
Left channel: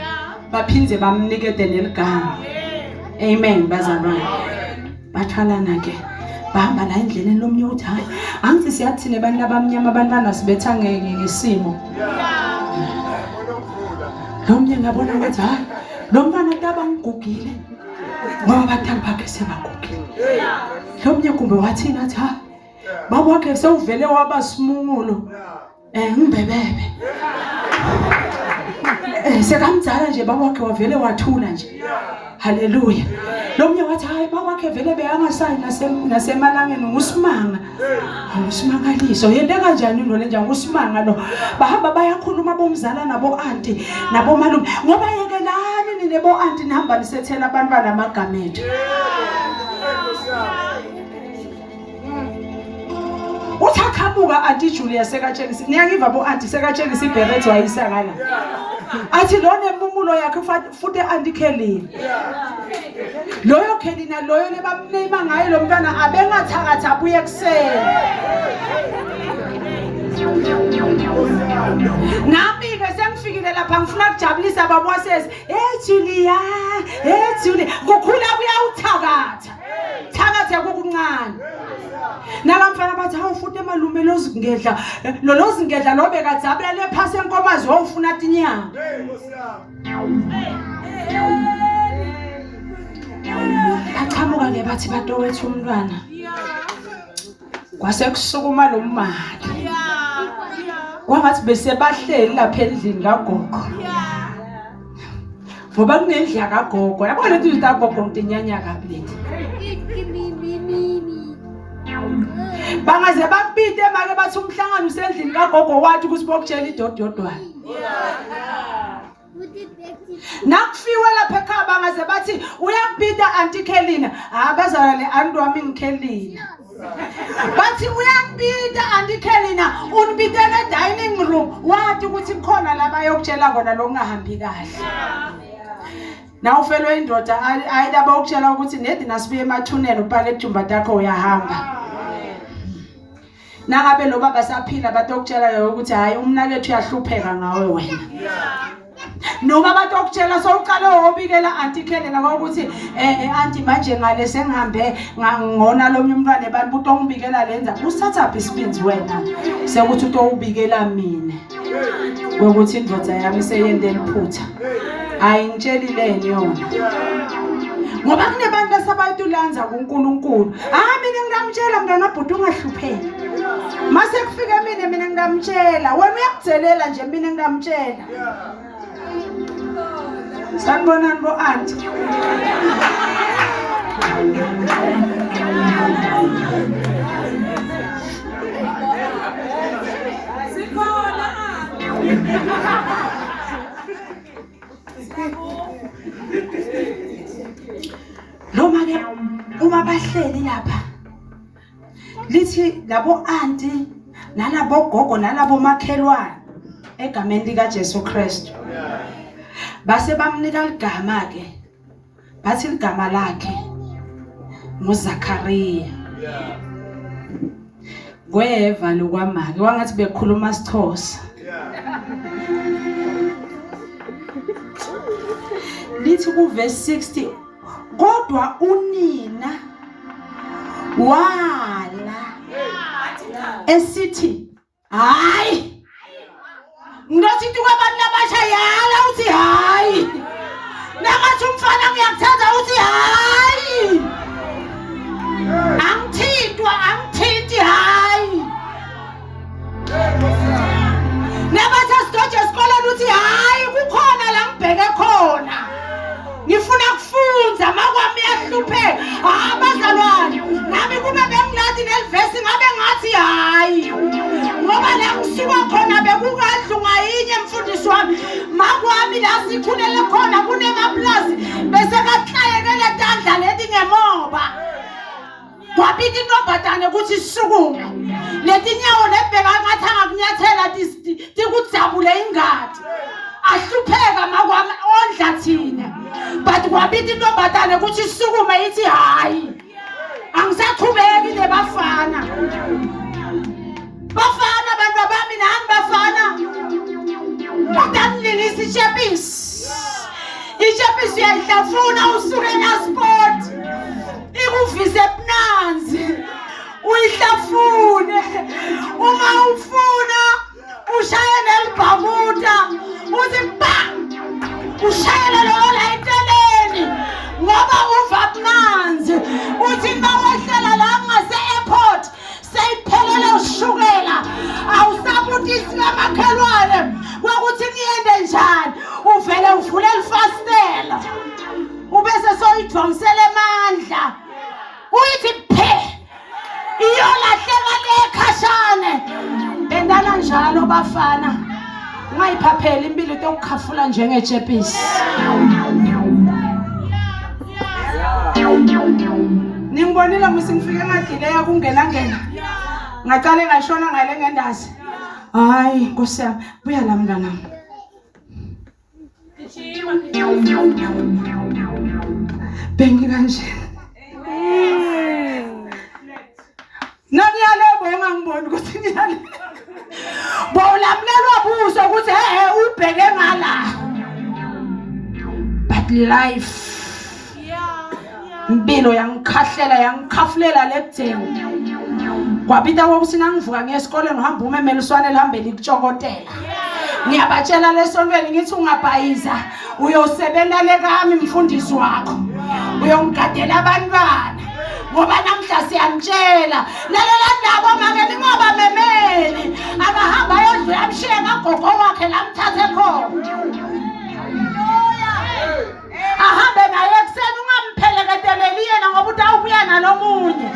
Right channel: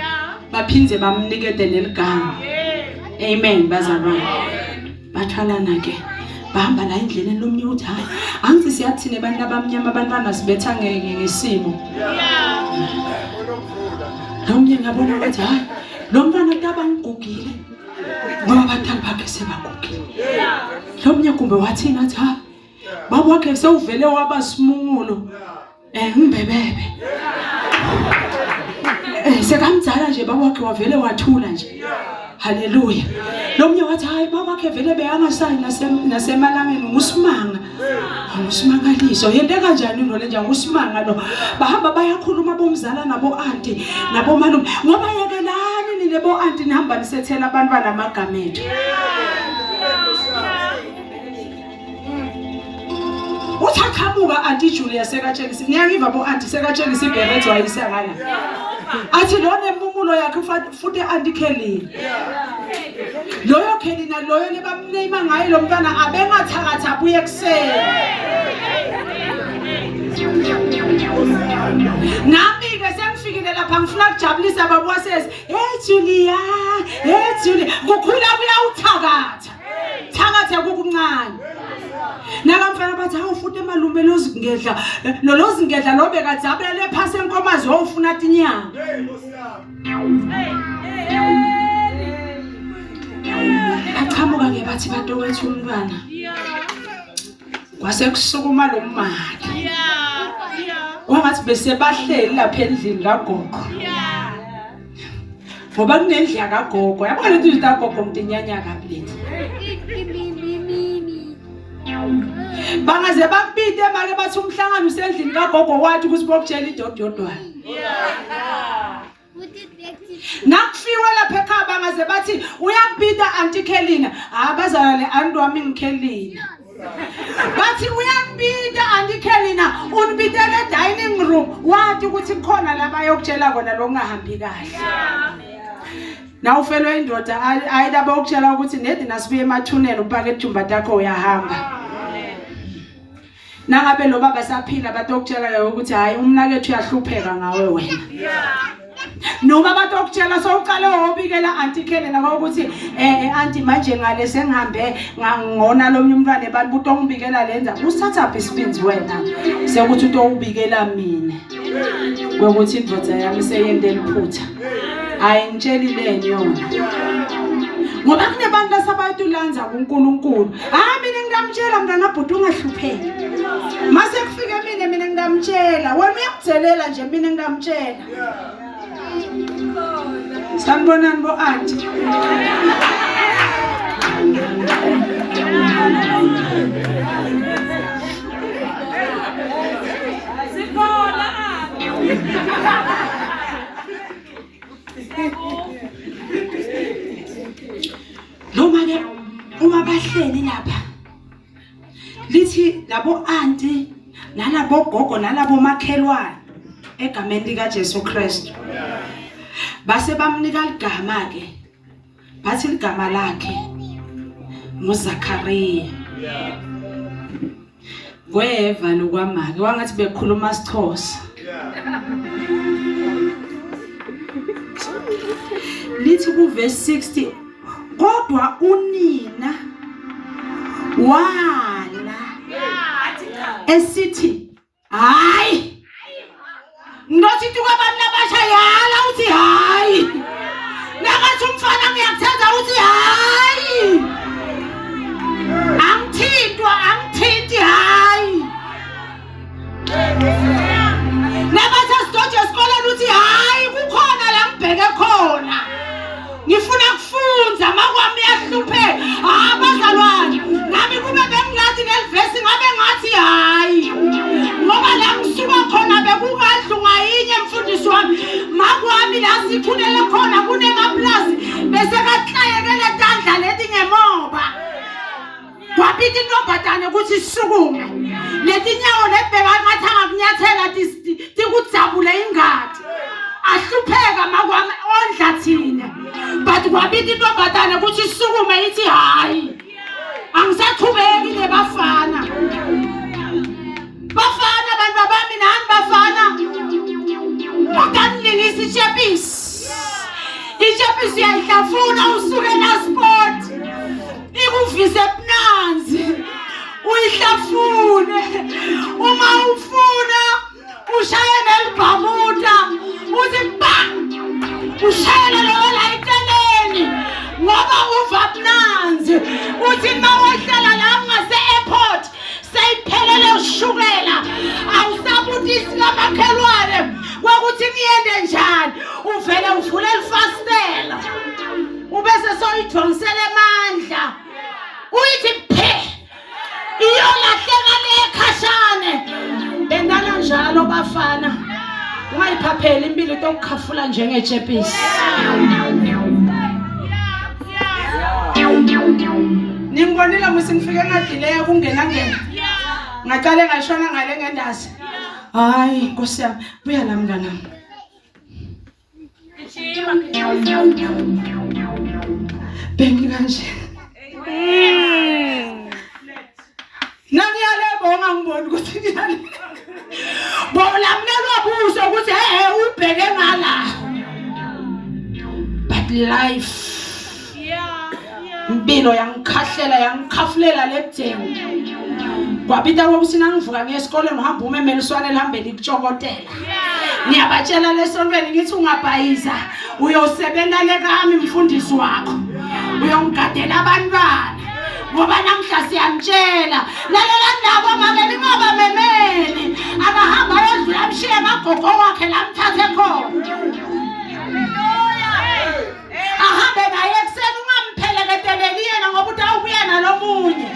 baphinze bamnikede neligama amen bazalwane. Bathalana ke bahamba la endleleni nomnye uthi hayi angithi siyathine abantu abamnyama abantwana sibetha ngesimo. Nomnye ngabona ukuthi hayi lo mntwana tabangugile ngoba abadala bakhe sebagugile. Nomnye kumbe wathina athi hayi baba wakhe sewuvele waba simungulo ngibebebe sekamdzala nje baba wakhe wavele wathula nje. Haleluya. Lomnye wathi hayi baba wakhe vele beyangasayi nasemalangeni ngusimanga. Ngusimangaliso yente kanjani lo lenja ngusimanga lo bahamba bayakhuluma bomzala nabo auntie nabo malume ngoba yekelani nile bo auntie nihamba nisethela abantu banamagama ethu. Uthakhamuka auntie Julia sekatshengisa niyakiva bo auntie sekatshengisa ibheretho wayisangala athi lona emumulo yakhe futhi auntie Kelly loyo Kelly loyo lebamneyima ngayo lo mntwana abengathakatha abuye kuseni. Nami ke sengifikile lapha ngifuna ukujabulisa baba wasesi Julia Julia kukhula kuyawuthakatha thakathe kukuncane. Nakamfana bathi awufuthi emalume lozingedla lozingedla lobe kadzabulele phasi enkomazi wofuna tinyanga. Aqhamuka ke bathi batowethu umntwana kwase kusukuma lo mmali wangathi bese bahleli lapha endlini kagogo ngoba kunendla kagogo yabona ukuthi kagogo mtinyanya kabi bangaze bakubide make bathi umhlangano usendlini kagogo wathi kusibokutshela idododwana. Nakufiwe lapha ekhaya bangaze bathi uyakubida auntie Kelina abazana le auntie wami ngiKelina bathi uyakubida auntie Kelina unibidele dining room wathi ukuthi khona laba yokutshela kona lo kungahambi kahle. Na ufelwe indoda ayidaba ukutshela ukuthi nedi nasibuye emathuneni upake ijumba takho uyahamba. Nangabe lo baba saphila batokutshela ukuthi hayi umnakethu uyahlupheka ngawe wena. Noma batokutshela sowuqala wobikela auntie Kelena ngokuthi auntie manje ngale sengihambe ngangona lo mntwana ebantu buto ngibikela lenza usatha isibinzi wena sekuthi utowubikela mina ukuthi indvodza yami seyende liphutha ayingitshelileni yona ngoba kunebantu asabayitulanza kuNkulunkulu. Mina ngingamtshela mntana bhuti ungahlupheki mase kufika mina ngingamtshela wena uyakudzelela nje mina ngingamtshela. Sanibonani bo auntie Noma ke uma bahleli lapha lithi labo auntie nalabo gogo nalabo makhelwane egameni lika Jesu Kristu base bamnika igama ke bathi igama lakhe nguZakhariya kweva lokwamake wangathi bekhuluma isiXhosa lithi ku verse 60 kodwa unina wala esithi hayi ngothi tukabani labashayala uthi hayi nakathi umfana ngiyakuthanda uthi hayi angithinti hayi nabathi asidoje esikoleni uthi hayi kukhona la ngibheke khona ngifuna kufunza makwami yahlupheka abazalwane nami kube bengilathi nelivesi ngabe ngathi hayi ngoba la ngisuka khona bekukadlunga yinye mfundisi wami makwami la sikhulele khona kunemaplazi bese kahlayekele tandla leti ngemoba kwaphithi intombazane ukuthi sisukume leti nyawo nebheka ngathi angakunyathela tikudzabule ingadi ahlupheka makwami ondla thina but kwaphithi intombazane ukuthi sisukume ithi hayi angisaqhubeki lebafana abantu bami nani bafana utanililisa ichapisi uyayihlafuna usuke na sport ikuvise ebunanzi uyihlafune uma ufuna ushaye nelibhamuda uthi bang ushayele lo la eceleni ngoba uva bunanzi uthi mawehlala la ngase airport seyiphelele ushukela awusabutisi kamakhelwane ukuthi ngiyende njani uvele uvule ifastela ubese soyidonsele amandla uyithi phe iyolahleka lekhashane bendana njalo bafana ungayiphaphela impilo tokukhafula njengejepisi ningibonile musingifike ngadileya kungena ngaqale ngashona ngale ngendazi hayi Nkosi yami buya la mnganami bengi kanje nangiyale bonga ngibona ukuthi ngiyale bawulamnelwa buso ukuthi ubheke ngala but life impilo yangikhahlela yangikhafulela lebudeni kwabita wokusina ngivuka ngiye esikoleni ngihamba umemeliswane lihambe likutshokotela ngiyabatshela lesontweni ngithi ungabhayiza uyosebenza lekami mfundisi wakho uyongigadela abantwana ngoba namhla siyamtshela lalela ndaba make lingoba memeli akahamba yodlula amshiye amagogo wakhe lamthathe khona ahambe naye ekseni ungampheleketeleli yena ngoba utawubuya nalomunye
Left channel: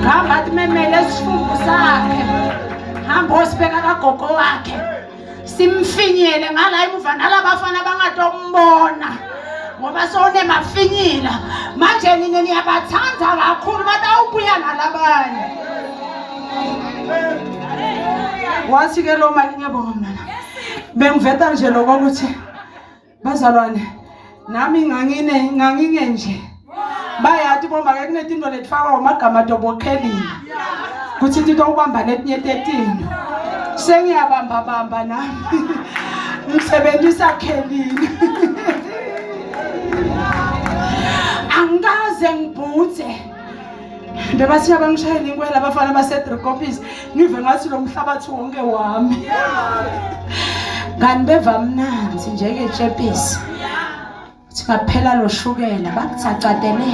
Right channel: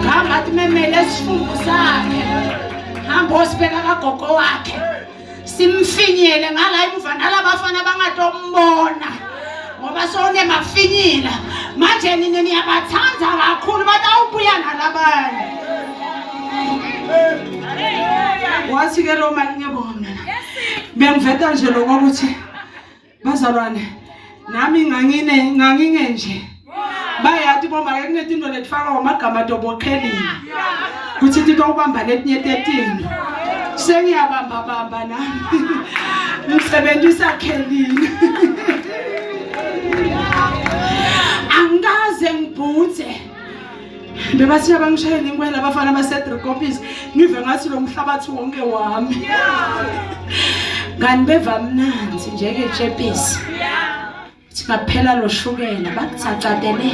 ngamba athi memeli esifungo sakhe hamba osibeka kagogo wakhe simfinyele ngala imuva nalabafana bangatombona ngoba sone mafinyila manje nini niyabathanda kakhulu batawubuya nalabanye wathi ke lo mali ngiyabonga bengiveta nje lokuthi bazalwane nami ngangine nje bayathi boma ke kunetinto letfaka amagama dobokhelini kuthi into ubamba letinye 13 sengiyabamba nami ngisebenzisa khelini angaze ngibhuthe bebathi abangishayela inkwela abafana basedrikopisi ngive ngathi lo mhlabathi wonke wami ngani beva mnanzi njengejepisi singaphela lo shukela bakuthacadele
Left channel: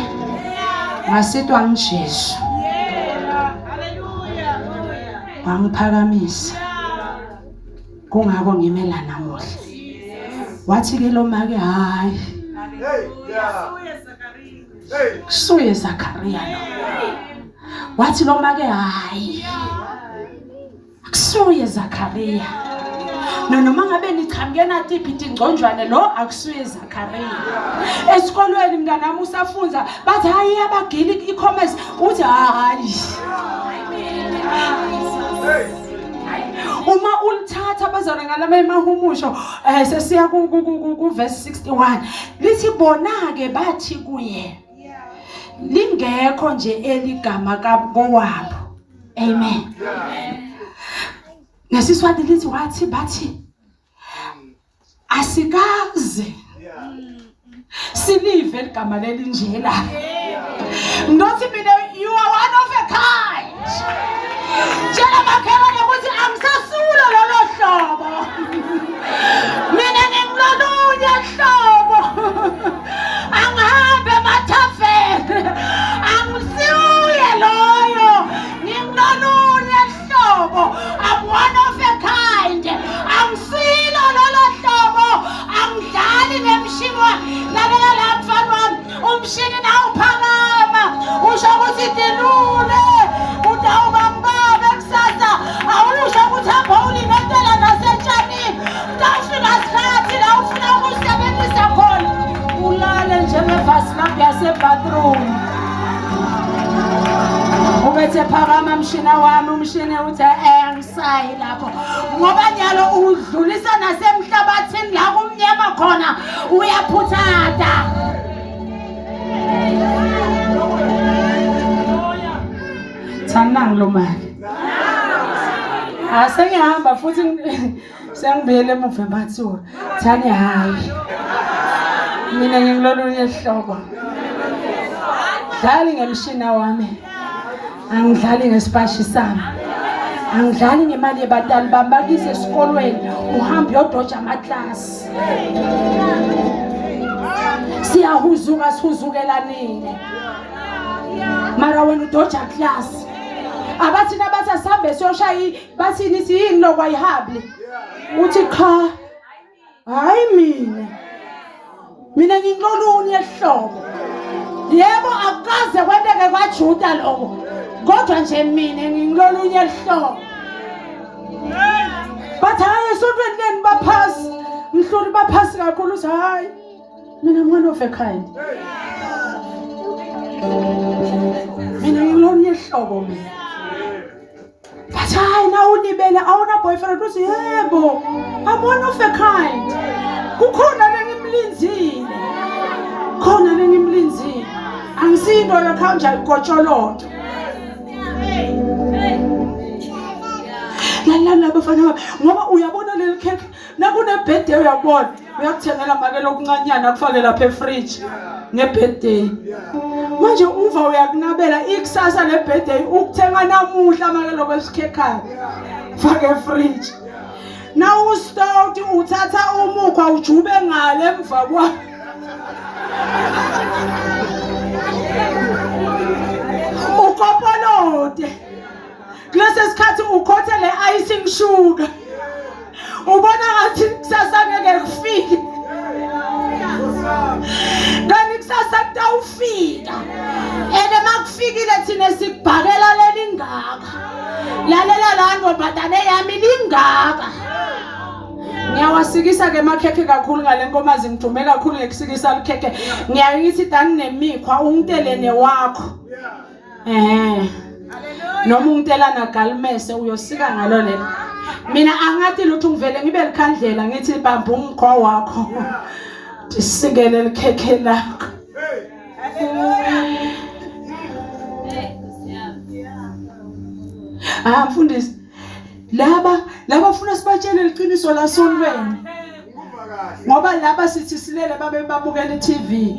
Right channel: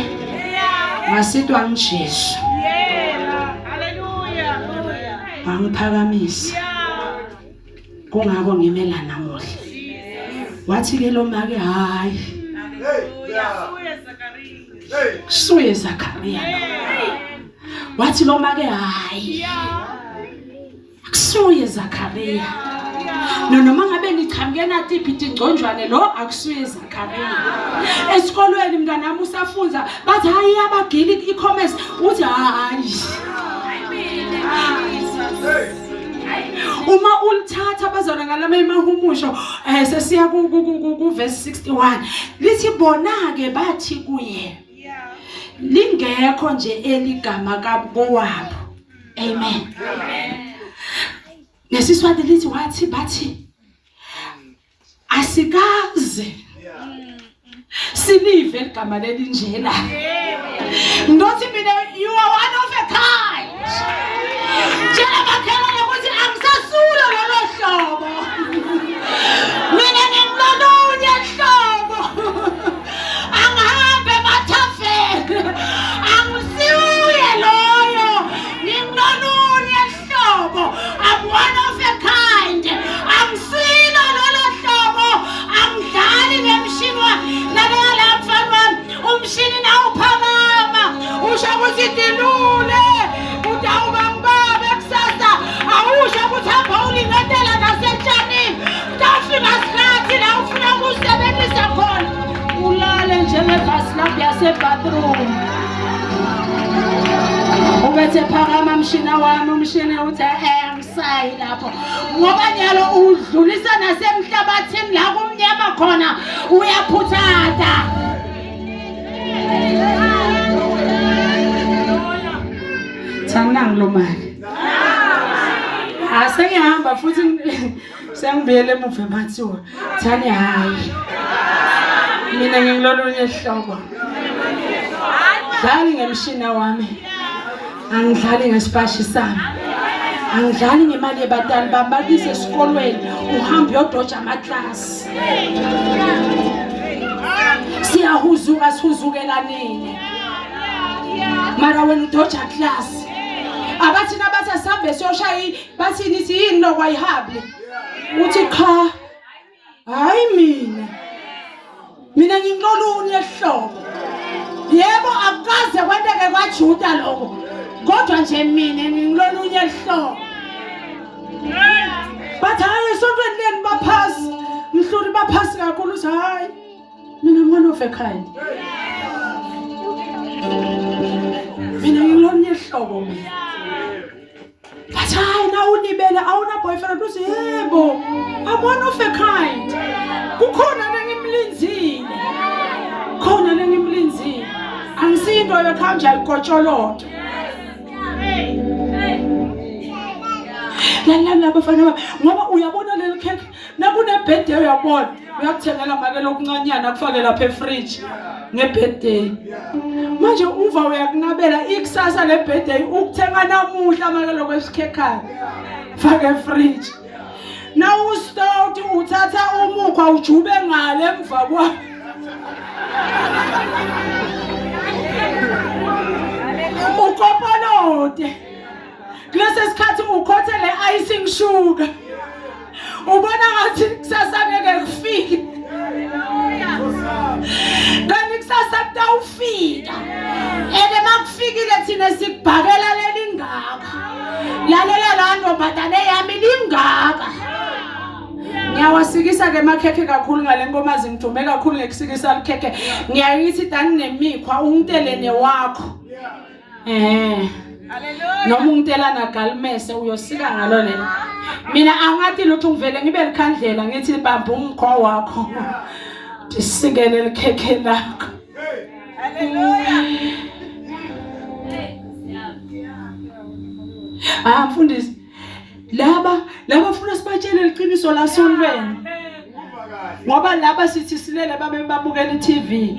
ngasitwa ngiJesu wangiphakamisa kungako ngimela namuhla wathi ke lo make hayi Kusuye Zakaria. Wathi lo make hayi. Akusuye Zakaria. Noma ngabe nithamke nathi iphiti ingconjwane lo akusuye Zakaria. Esikolweni mnganami usafunza bathi hayi abagili i-commerce uthi hayi. Uma ulithatha bazona ngalama emahumusho sesiya ku verse 61 lithi bona ke bathi kuye lingekho nje eligama kabowabo. Amen. Nesiswati lithi wathi bathi asikaze silive igama lelinjela. Ngothi mina you are one of a kind. Jela makhelwane ukuthi angisasula lelo hlobo. Mina ngimlolunye hlobo. Angihambe mathafeni. Angisiwe loyo. Ngimlolunye hlobo. I'm one of a kind. Angisilo lelo hlobo. Angidlali ngemshini lalela la mfana wami. Umshini nawo uphakama. Usho ukuthi dilule. Utawuba mbaba kusasa. Awusho ukuthi hamba ulingentela nasetshani. Tafika sikhathi la ufuna ukusebenzisa khona. Ulale njengevasi lapha yasebathroom. Ubethe phakama mshina wami umshini uthi angisayi lapho. Ngoba nyalo udlulisa nasemhlabathini la kumnyama khona uyaphuthata. Thana ngilomali. Asengihamba futhi sengibuyele emuva emathuba. Thani hayi. Mina ngingilolunye ihlobo. Dlali ngemshina wami. Angidlali ngesipashi sami. Angidlali ngemali yebatali bambakise esikolweni uhambe uyodoja amaklasi. Siyahuzuka sihuzukelanini. Mara wena udoja class. Abathi nabathi asambe siyoshaya bathi nithi yini lokwayihabli. Uthi cha. Hayi mina ngingilolunye ehlobo. Yebo akukaze kwenteke kwaJuda lokho. Kodwa nje mina ngingilolunye ehlobo. Bathi hayi esontweni leni baphasi. Mhluli baphasi kakhulu uthi hayi. Mina ngone of a kind. Mina ngilolunye ehlobo mina. But hayi na unibela awuna boyfriend uthi yebo. I'm one of a kind. Kukhona lengimlinzile. Khona lengimlinzile. Angisindo lekhanja ikotsholoto. Lana bafana ngoba uyabona leli cake nakune birthday uyabona uyakuthengela make lokuncanyana kufake lapha efridge ngebirthday. Manje uva uyakunabela ikusasa le birthday ukuthenga namuhla make lokwesikhekhayo fake efridge. Na ustoti uthatha umukhwa ujube ngale emva kwa. Ukopolote. Kulesi sikhathi ukhothe le icing sugar. Ubona ngathi kusasa ngeke kufike. Kanti kusasa kutawufika. Ene makufikile thina sikubhakela lelingaka. Lalela la ndombazane yami lingaka. Ngiyawasikisa ke makhekhe kakhulu ngale nkomazi ngithume kakhulu ngekusikisa likhekhe. Ngiyayithi dani nemikhwa untelene wakho. Noma untelana galmese uyosika ngalo lena. Mina angathi lutho ngivele ngibe likhandlela ngithi bamba umkhwa wakho. Ndisikele likhekhe lakho. Mfundisi laba funa sibatshele iqiniso la sonweni. Ngoba laba sithi silele babe babukela iTV.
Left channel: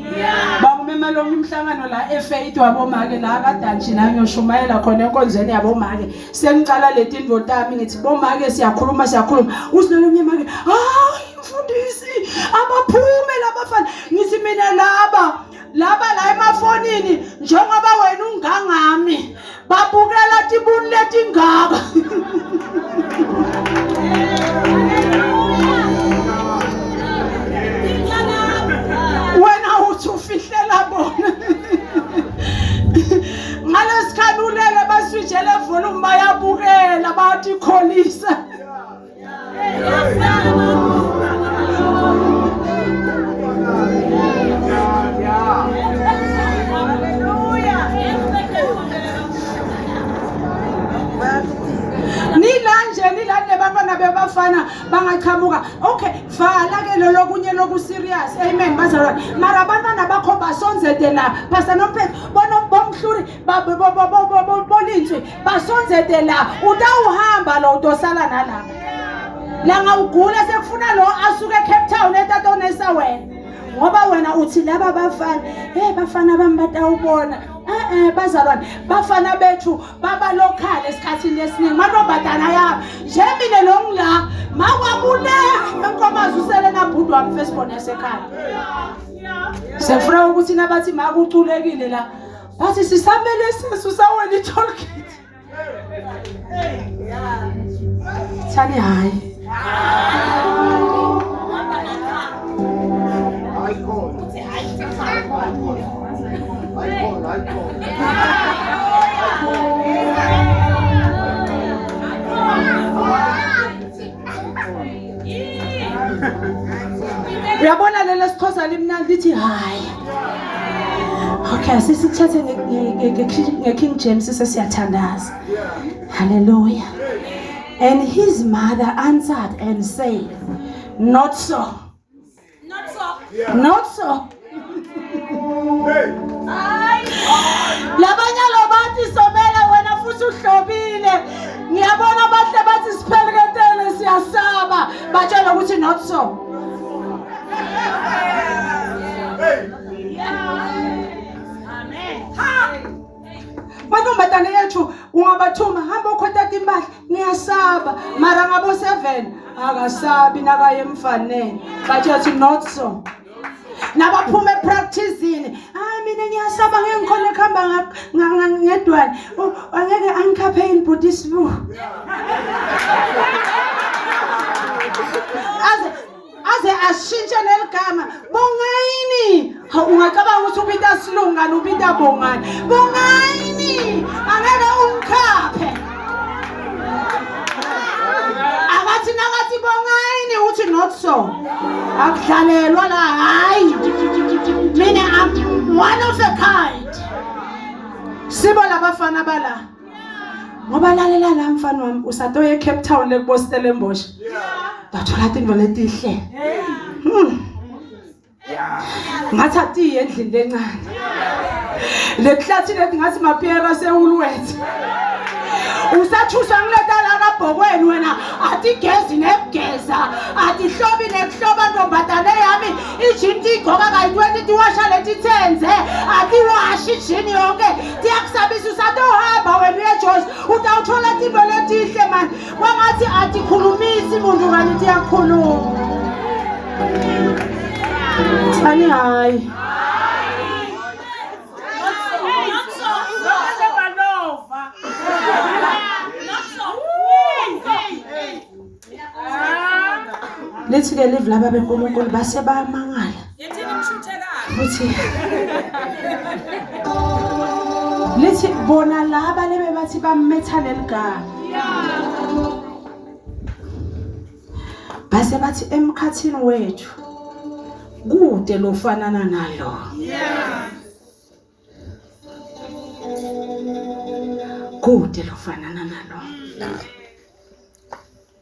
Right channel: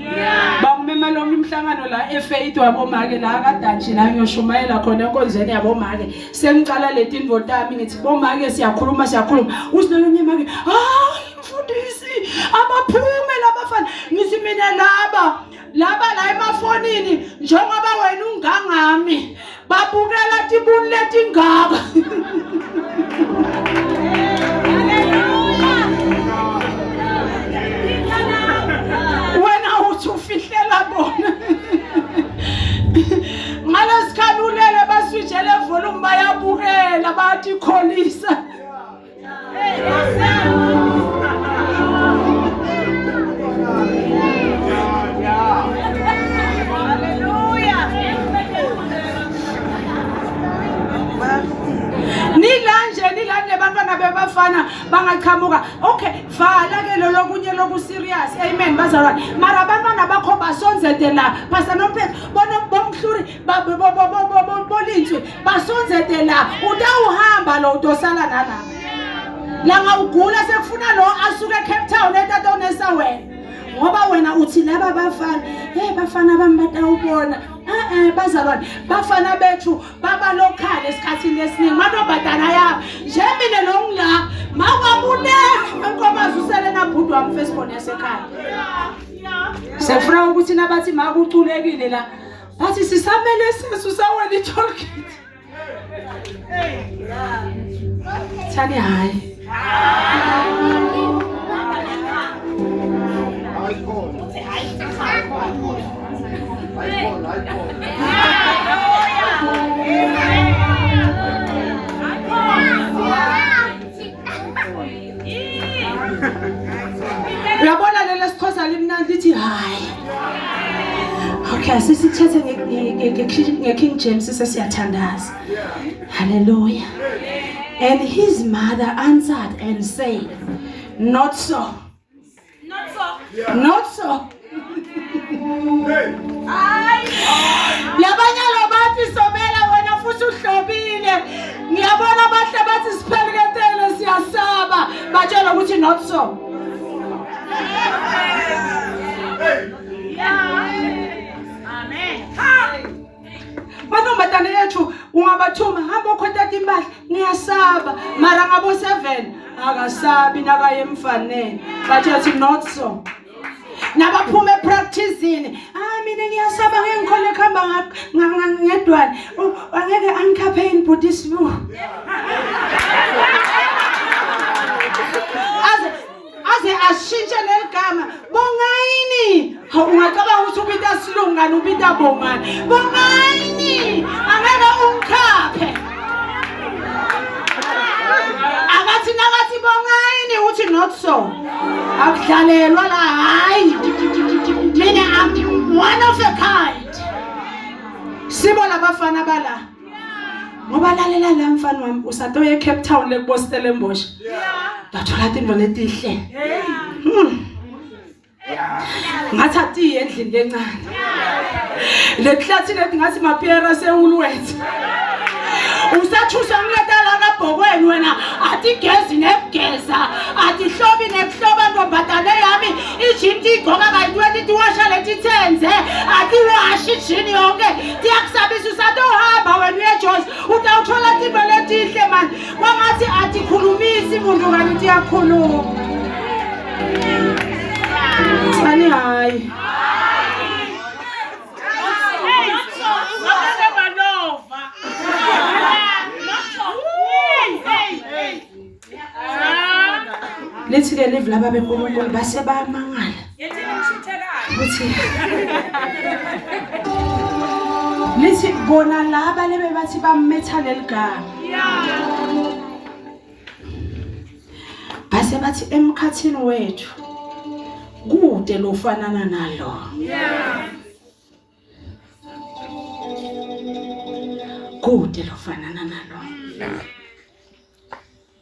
Bakumema lonke imhlangano la eFaith wabomake la kaDanji la ngiyoshumayela khona enkonzweni yabomake. Sengicala leti indvodami yami ngithi bomake siyakhuluma. Usinelonye make hayi mfundisi abaphume labafana ngithi mina laba la emafonini njengoba wena ungangami babukela tibuni letingaka. Wena uthi bathi kholisa. Nilanje bantwana bebafana bangachamuka. Okay, vala ke lo lokunye loku serious. Amen bazalwane. Mara abantwana bakho basonzete la. Pastor Nomphetho bona bomhluri bolintswe basonzete la. Utawuhamba lo utosala nala. La ngawugula sekufuna lo asuke eCape Town etatona wena. Ngoba wena uthi laba bafana, bafana bami batawubona. Bazalwane bafana bethu baba local esikhathini esiningi manobhadana yabo nje mina nomla makwabune enkomazi usele nabhudu wami firstborn yasekhaya sefuna ukuthi nabathi makuculekile la bathi sisamele sesu sawela itolkit thani hayi uyabona lelo sikhoza limnandi lithi hayi. Okay, sisithethe ngeKing James sesiyathandaza. Hallelujah. And his mother answered and said, not so. Not so. Not so. Labanya lobathi sobela wena futhi uhlobile. Ngiyabona bahle bathi sipheleketele siyasaba. Batshela ukuthi not so. Mantombazane yethu ungabathuma hamba ukhotata imali ngiyasaba mara ngabo 7 akasabi nakaye emfaneni bathi not so. Nabaphuma epracticing mina ngiyasaba ngikhona ekhamba ngedwane angeke angikhaphe input isibu aze ashintshe leligama bongayini ungacabanga ukuthi ubita silungana ubita bongani bongayini angeke ungikhaphe akathi nakathi bongayini uthi not so akudlalelwa la hayi mina I'm one of a kind sibo labafana bala ngoba lalela la mfana wami usatoye eCape Town leBostellenbosch bathola into letihle ngathi endlini lencane lehlathi lethi ngathi maphera seulwethu usathuswa ngiletala kabhokweni wena athi gezi nebugeza athi hlobi nekuhloba ntombazane yami ijinti igcoka kayi-20 tiwasha leti thenze athi washi ijini yonke tiyakusabisa usatohamba wena uyejosi utawuthola tinto letihle mani kwangathi atikhulumisi muntu kani tiyakhuluma thani hayi lethi ke live laba beNkulunkulu base bayamangala futhi lethi bona laba lebe bathi bametha leligama base bathi emkhathini wethu kude lofanana nalo kude lofanana nalo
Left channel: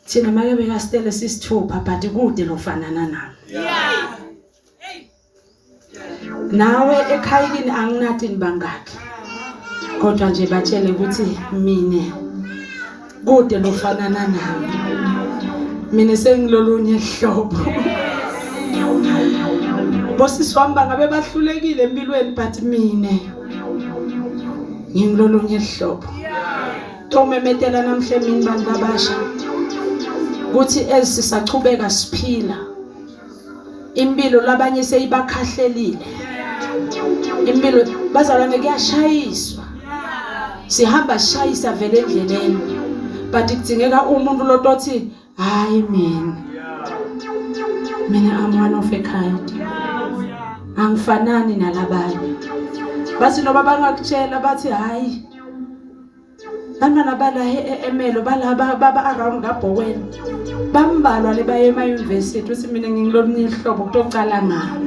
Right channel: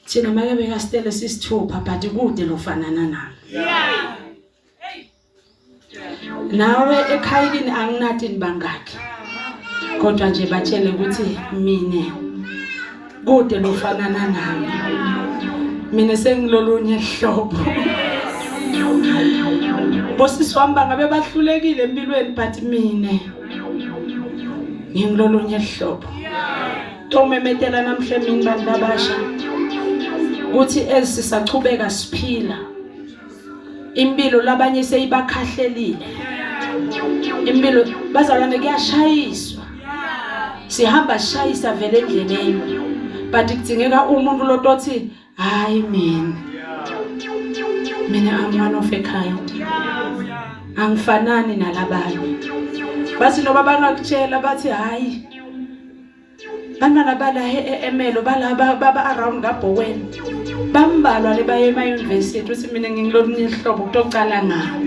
thina make bekastele sisithupha but kude lofanana nalo nawe ekhayini anginathi nibangakhe kodwa nje batshele ukuthi mina kude lofanana nami mina sengilolunye ihlobo bosiswamba ngabe bahlulekile empilweni but mina ngingilolunye ihlobo tomemetela namhle mina bantu abasha kuthi ezisachubeka siphila impilo labanye seyibakhahlelile impilo bazalwane kuyashayiswa sihamba sishayisa vele endleleni but kudzingeka umuntu lotothi hayi mina I'm one of a kind angifanani nalabanye bathi noba bangakutshela bathi hayi bantwana bala eMelo baba around kaBoweni bambalwa le baye ema-university uthi mina ngingilomnye ihlobo kutoqala ngabo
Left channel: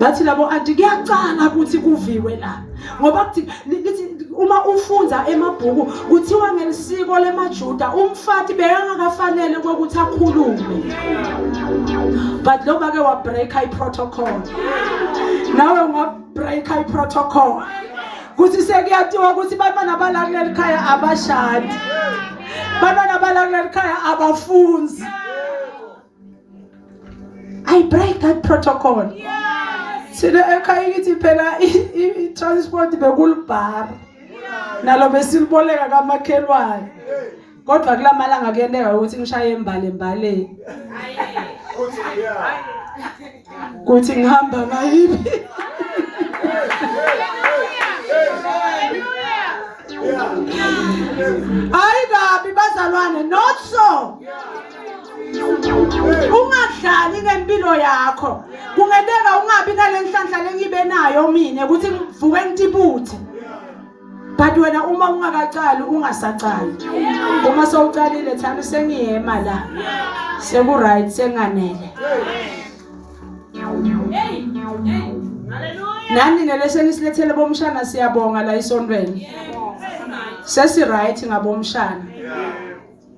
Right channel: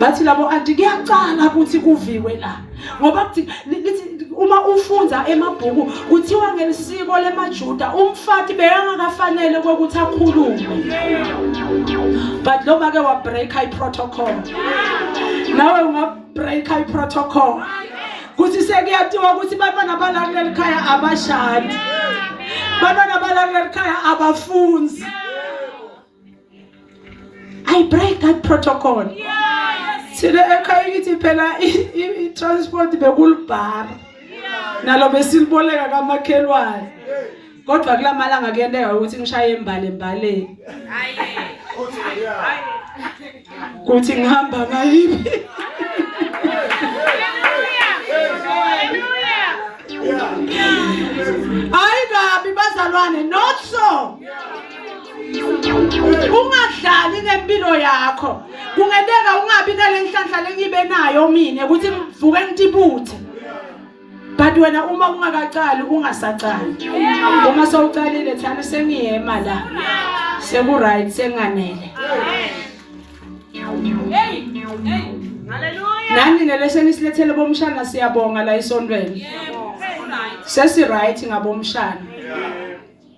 bathi labo anti kuyacala ukuthi kuviwe la ngoba kuthi uma ufunda emabhuku kuthiwa ngelisiko lemaJuda umfati bekangakafanele ukuthi akhulume but lo bake wa break protocol nawe unga break protocol kuthi sekuyatiwa ukuthi bantwana balakule ekhaya abashadi bantwana balakule ekhaya abafunzi I break that protocol sile ekhaya ithi phela i-transport bekulibhara nalo besiliboleka kamakhelwane kodwa kulamalanga kuyendeka ukuthi ngishaye embaleni kuthi ngihamba ngayiphi hayi kabi bazalwane not so ungadlali ngempilo yakho kungendeka ungabi nalenhlanhla lengibe nayo mina ukuthi ngivuke ngitibuthe but wena uma ungakacali ungasacali uma sowucalile thana sengiyema la seku right senganele nani neleseni silethele bomshana siyabonga la isontweni sesi right ngabomshana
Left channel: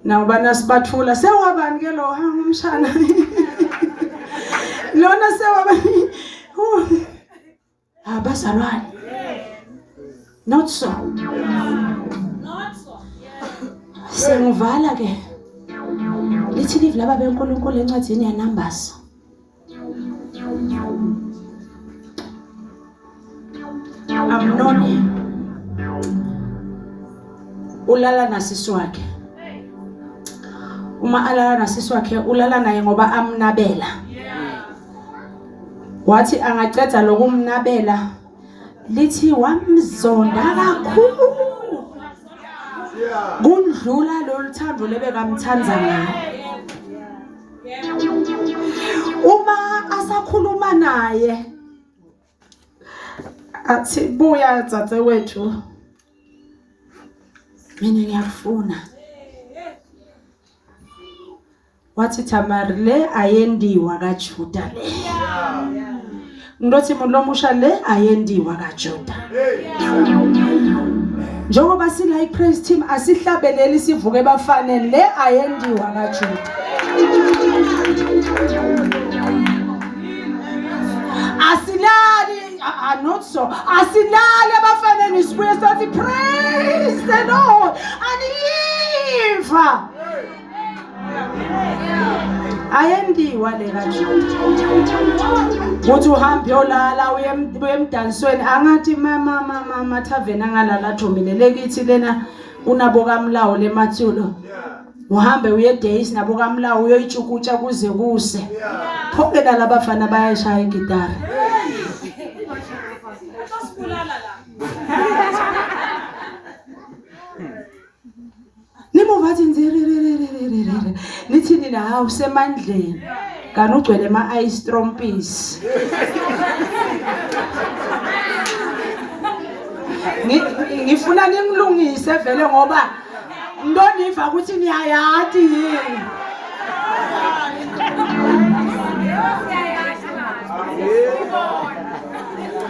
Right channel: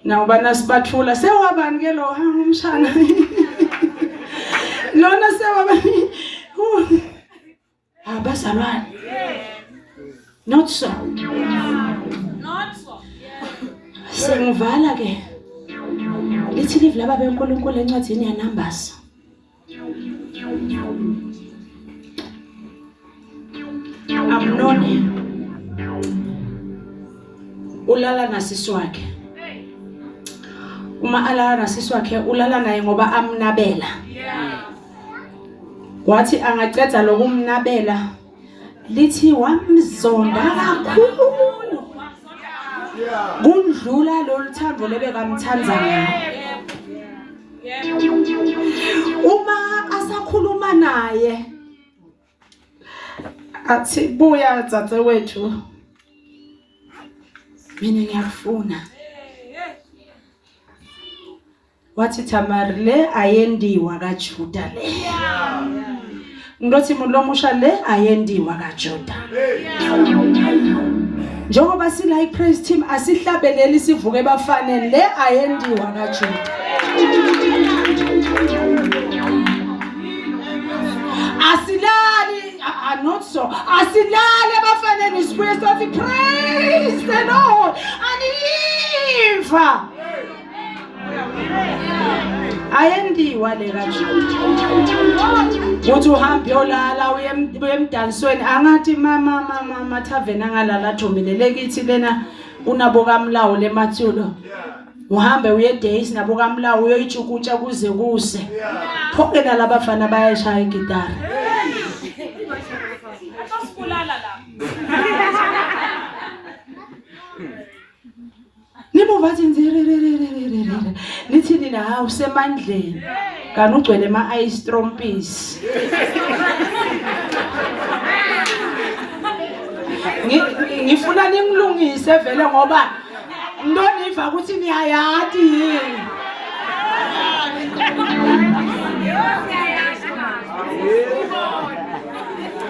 nakuba nasibathula sewabani ke lo umshana lona sewabani abazalwane not so sengivala ke lithi live laba beNkulunkulu encwadini yaNumbers Amnoni ulala nasisi wakhe uma alala nasisi wakhe ulala naye ngoba amnabela wathi angaceda lokumnabela lithi wamzonda kakhulu kundlula loluthando lebekamthanza ngayo uma asakhuluma naye athi buya dzadzewethu mina ngiyakufuna wathi Tamari le ayendiwa kaJuda le ngilothi mulomusha le ayendiwa kaJuda njengoba sila ipraise team asihlabeleli sivuke bafanele le ayendiwa kaJuda asilali not so asilali abafanele sibuye sithi praise the Lord aniva ayendiwa le kaJuda uthi uhambe yolala uye emdansweni angathi mama tavern angalala thombelele kithi lena unabo kaMlawu lemathulo uhambe uye days nabo kaMlawu uyoyichukutsha kuze kuse phokela labafana bayashaya igitara nimuvathi nzirererererere nithi nina ha usemandleni kana ugcwele ama ice trompis ngifuna ningilungise vele ngoba ndoniva ukuthi niyayati yini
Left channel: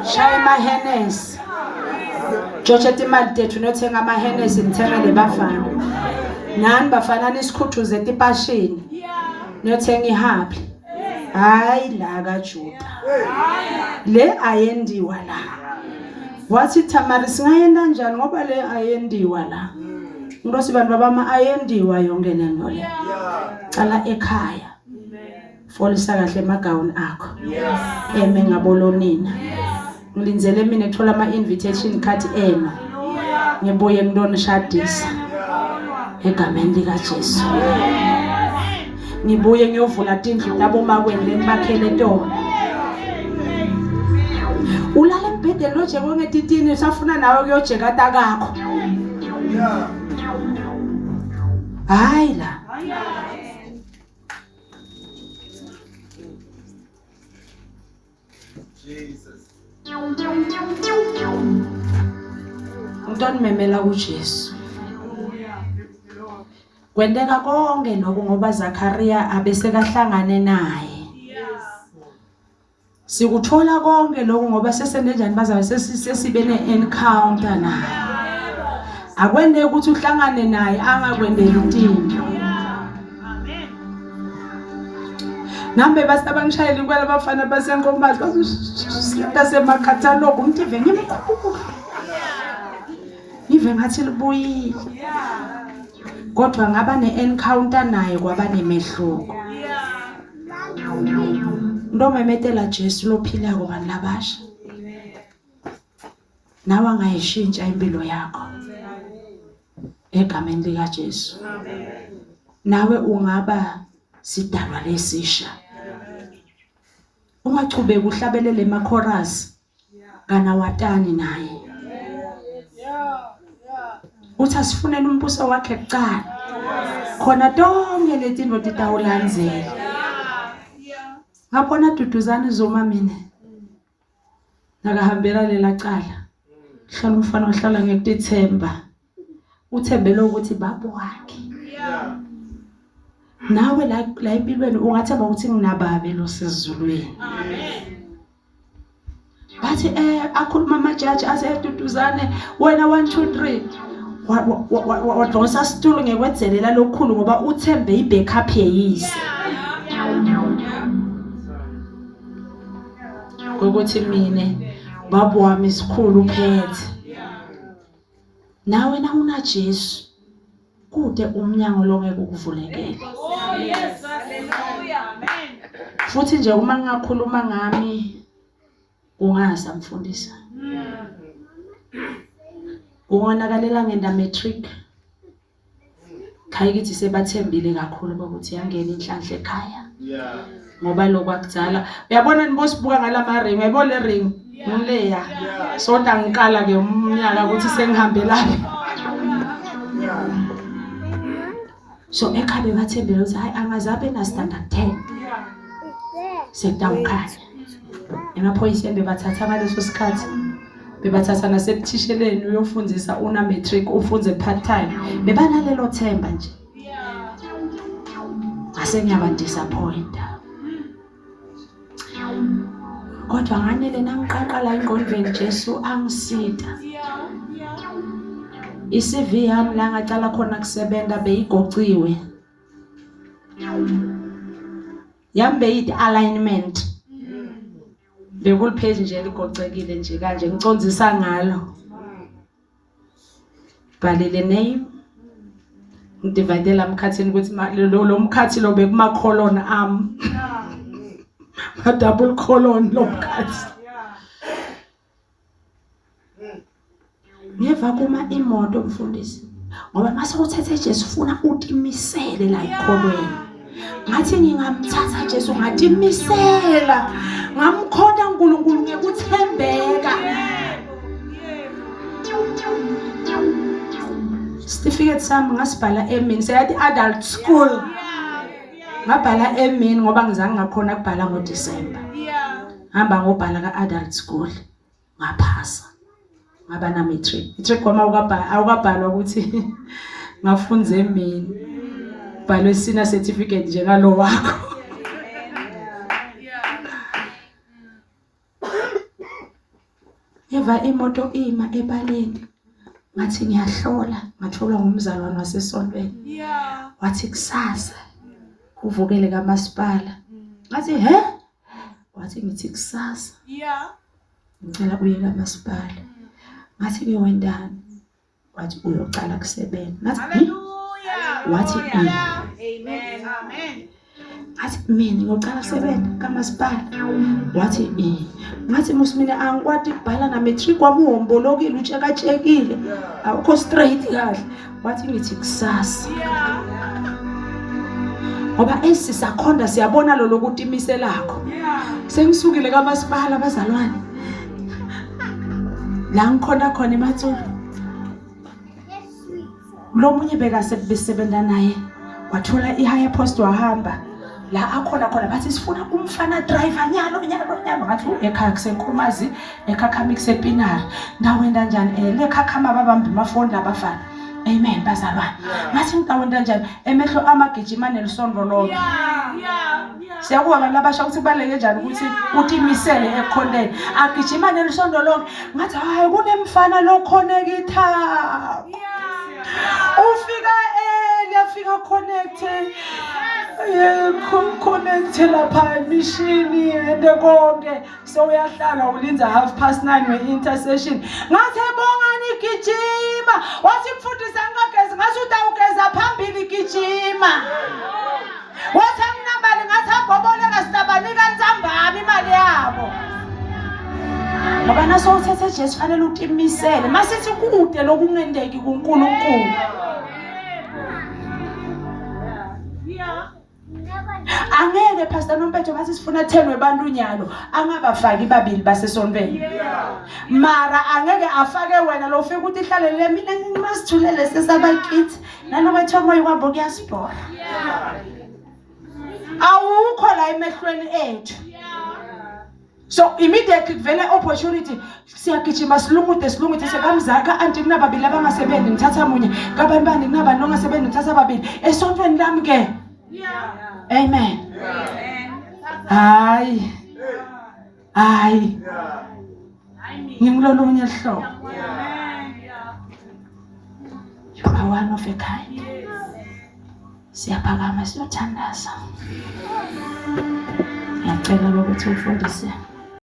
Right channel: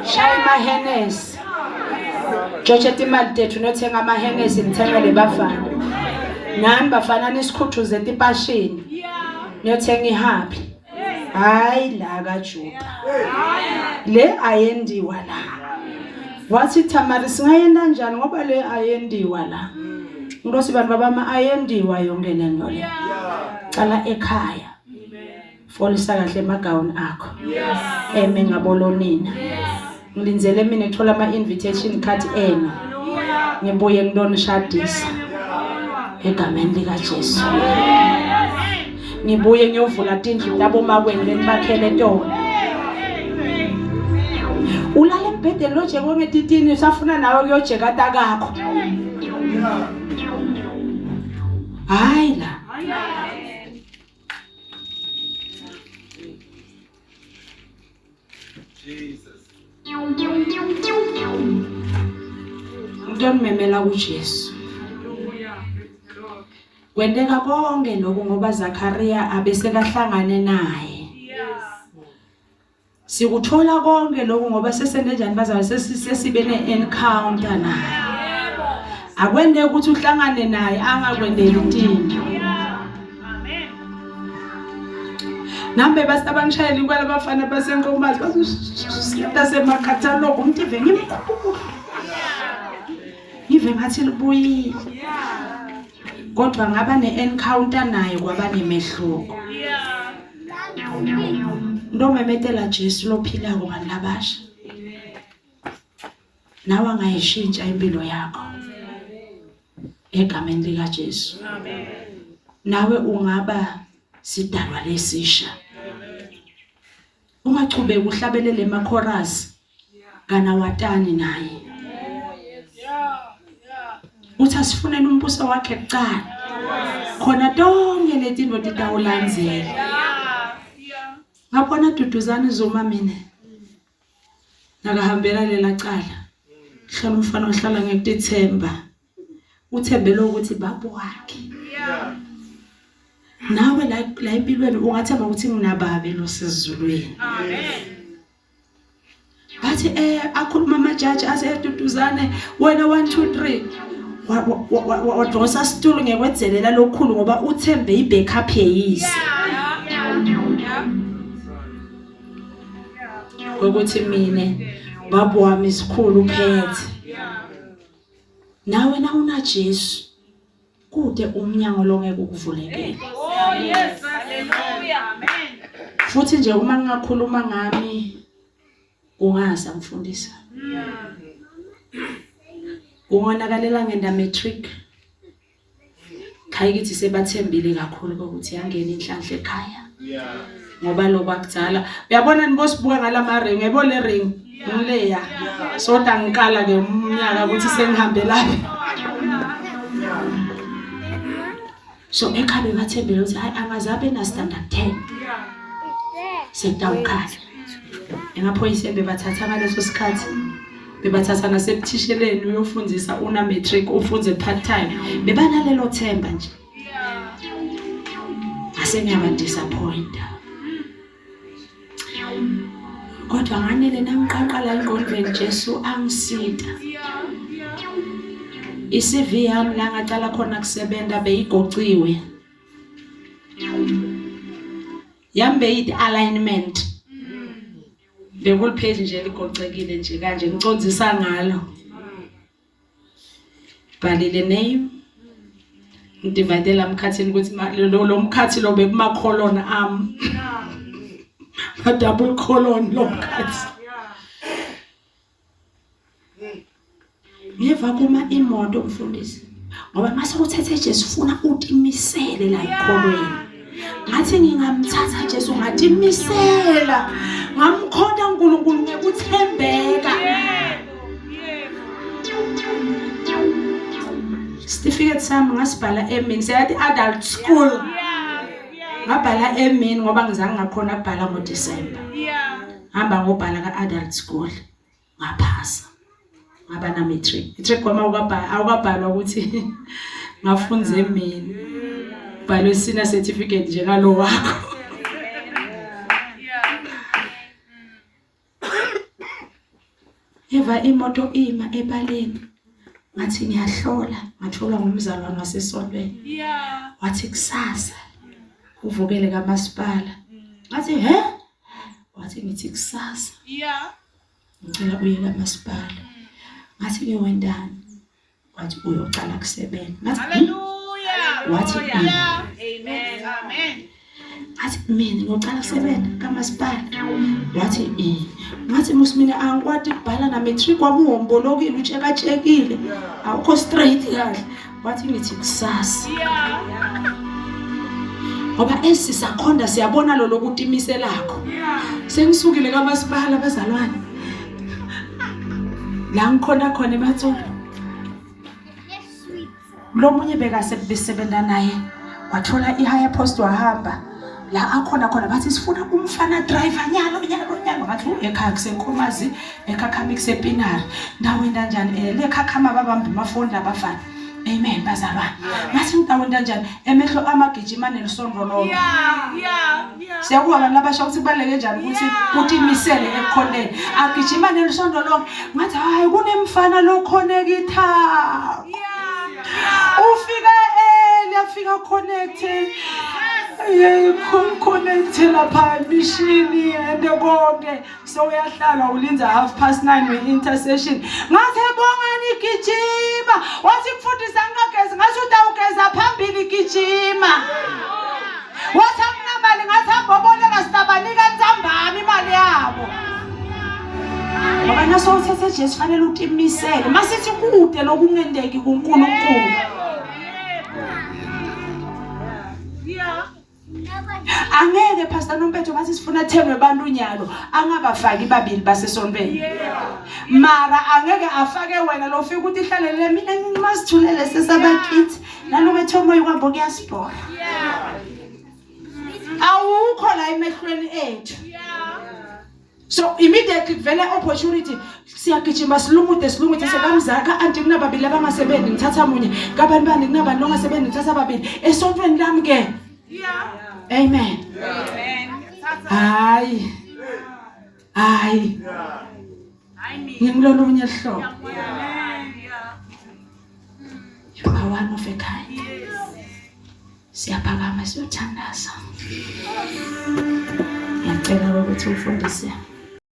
shaya amahenesi George imali tethu nothenga amahenesi nithengele bafana nani bafana nisikhuthuze tipashini niyothenga ihappy hayi la kaJuda le ayendiwa la wathi Tamari singayenda njani ngoba le ayendiwa la ngosi bantu baba ayendiwa yonke lento le cala ekhaya folisa kahle emagawuni akho eme ngabolonina ngilinzele mina ethola ama invitation card eno ngibuye ngidonishadisa egameni lika Jesu ngibuye ngiyovula tindlu tabo makwende nibakhele tona ulala embhedeni lo jeko ngetitini usafuna nawe kuyojeka takakho hayi la Jesus memela uJesu. Kwendeka konke lokho ngoba Zakaria abesekahlangane naye. Sikuthola konke lokho ngoba sesenenjani bazayo sesibe ne-encounter naye. Akwende ukuthi uhlangane naye angakwendela into. Nambe basabangishayela kwala bafana basenkomazi basemakhathalogo umtive ngimkhulu. Ngive ngathi libuyile. Kodwa ngaba ne-encounter naye kwaba nemehluko. Ndomemetela Jesu lophila kubani labasha. Nawe angayishintsha impilo yakho. Egameni lika Jesu. Nawe ungaba sidalwa lesisha. Ungachubeka uhlabelele emakhorasi kana watani naye. Uthi asifunele umbuso wakhe kuqala. Khona tonke lezinto titawulandzela. Ngabona Duduzane Zuma mina. Nakahambela lela cala. Hlala umfana ohlala ngekutithemba. Uthembele ukuthi babo wakhe. Nawe la empilweni ungathemba ukuthi nginababe lo sizulweni. Amen. Bathi akhuluma amajaji aseduduzane wena 1 2 3 wadonsa situlo ngekwedzelela lokukhulu ngoba uthembe ibackup yeyise. Ukuthi mine babo wami isikhulu uphethe. Nawe na una Jesu kude umnyango longeke ukuvulekele. Yes, hallelujah. Amen. Futhi nje uma ngingakhuluma ngami ungasa mfundisa. Ungonakalela ngenda matric. Khaya kithi sebathembile kakhulu ukuthi yangena inhlanhla ekhaya. Ngoba lokwakuzala uyabona nibosibuka ngalama ring uyabona le ring ngileya soda ngikala ke umnyaka ukuthi sengihambe lapha. So ekhaya bathembele ukuthi hayi angazabe na standard 10. Sekudawukhala. Emaphoyisa bebathatha ngaleso sikhathi. Bebathatha nasebuthisheleni uyofundisa una matric ufunze part time. Bebanalelo themba nje. Ase ngiyaba disappoint. Kodwa nganele nangiqaqala engqondweni Jesu angisita. iCV yami la ngaqala khona kusebenza beyigociwe. Yambe yidi alignment. Bekul page nje ligocekile nje kanje ngicondzisa ngalo. Balile name. Ngidivide la mkhathini ukuthi lo mkhathi lo bekuma colon am. A double colon lo mkhathi. Ngeva kuma imoto mfundisi. Ngoba mase uthethe Jesu ufuna utimisele la ekholweni. Ngathi ngingamthatha Jesu ngatimisela. Ngamkhonda uNkulunkulu ngekuthembeka. Certificate sami ngasibhala emini seyathi adult school. Ngabhala emini ngoba ngizange ngakhona ukubhala ngoDisemba. Hamba ngobhala ka-adult school. Ngaphasa. Ngaba na matric. Matric kwama awukabhalwa ukuthi ngafunza emini. Bhalwe sina certificate njengalo wakho. Eva imoto ima ebaleni. Ngathi ngiyahlola, ngatholwa ngumzalwane wasesontweni. Wathi kusasa uvukele kaMasipala. Ngathi he? Wathi ngithi kusasa. Ngicela uye kaMasipala. Ngathi ngiwendana. Wathi uyocala kusebenza. Ngathi hallelujah. Wathi amen. Amen. Ngathi mina ngiyocala kusebenza kaMasipala. Wathi ngathi musimina angikwati ukubhala na matric wami uhombolokile utshekatshekile. Awukho straight kahle. Wathi ngithi kusasa. Ngoba esisakhonda siyabona lo lokuthi imiselakho. Sengisukile kaMasipala bazalwane. La ngikhona khona eMatsulu. Lo munye beka sekubesebenza naye. Wathola ihigher post wahamba. la akhona bathi sifuna umfana driver nyalo ngathi ekhaya kusenkhomazi ekhakhama kusepinari ndawenda njani lekhakhama babamba amafoni labafana amen bazalwane ngathi ngidawenda njani emehlo amagijima nelisondo lonke siyakuba abantu abasha ukuthi baleke njani ukuthi utimisele ekhoneni agijima nelisondo lonke ngathi hayi kunemfana lo connecta ufika afika connected connected lapha emishini ende konke so uyahlala ulinza 9:30 we-intercession ngathi bongani gijima wathi mfundisa ngagezi ngathi utawugeza phambili gijima wathi akunamali ngathi amboboleka sitabanika nzambama imali yabo ngoba naso uthethe Jesu fanele utimisele masithi kude lokungendeki kuNkulunkulu angeke pastor Nompetho bathi sifuna 10 webantu unyalo angabafaki babili basesontweni mara angeke afake wena lo ufika ukuthi ihlalele mina ngimasithulele sesabakithi naloba thomo yikwabo kuyasibora awukho la emehlweni ethu so immediately vele opportunity siyagijima silungute sebamzaka anti kunababili abangasebenzi ngithatha munye kabani kunabani ongasebenzi ngithatha babili esontweni lami ke amen hayi ngimlolunye hlobo you are one of a kind siyaphakama siyothandaza ngiyacela ukuthi ufundise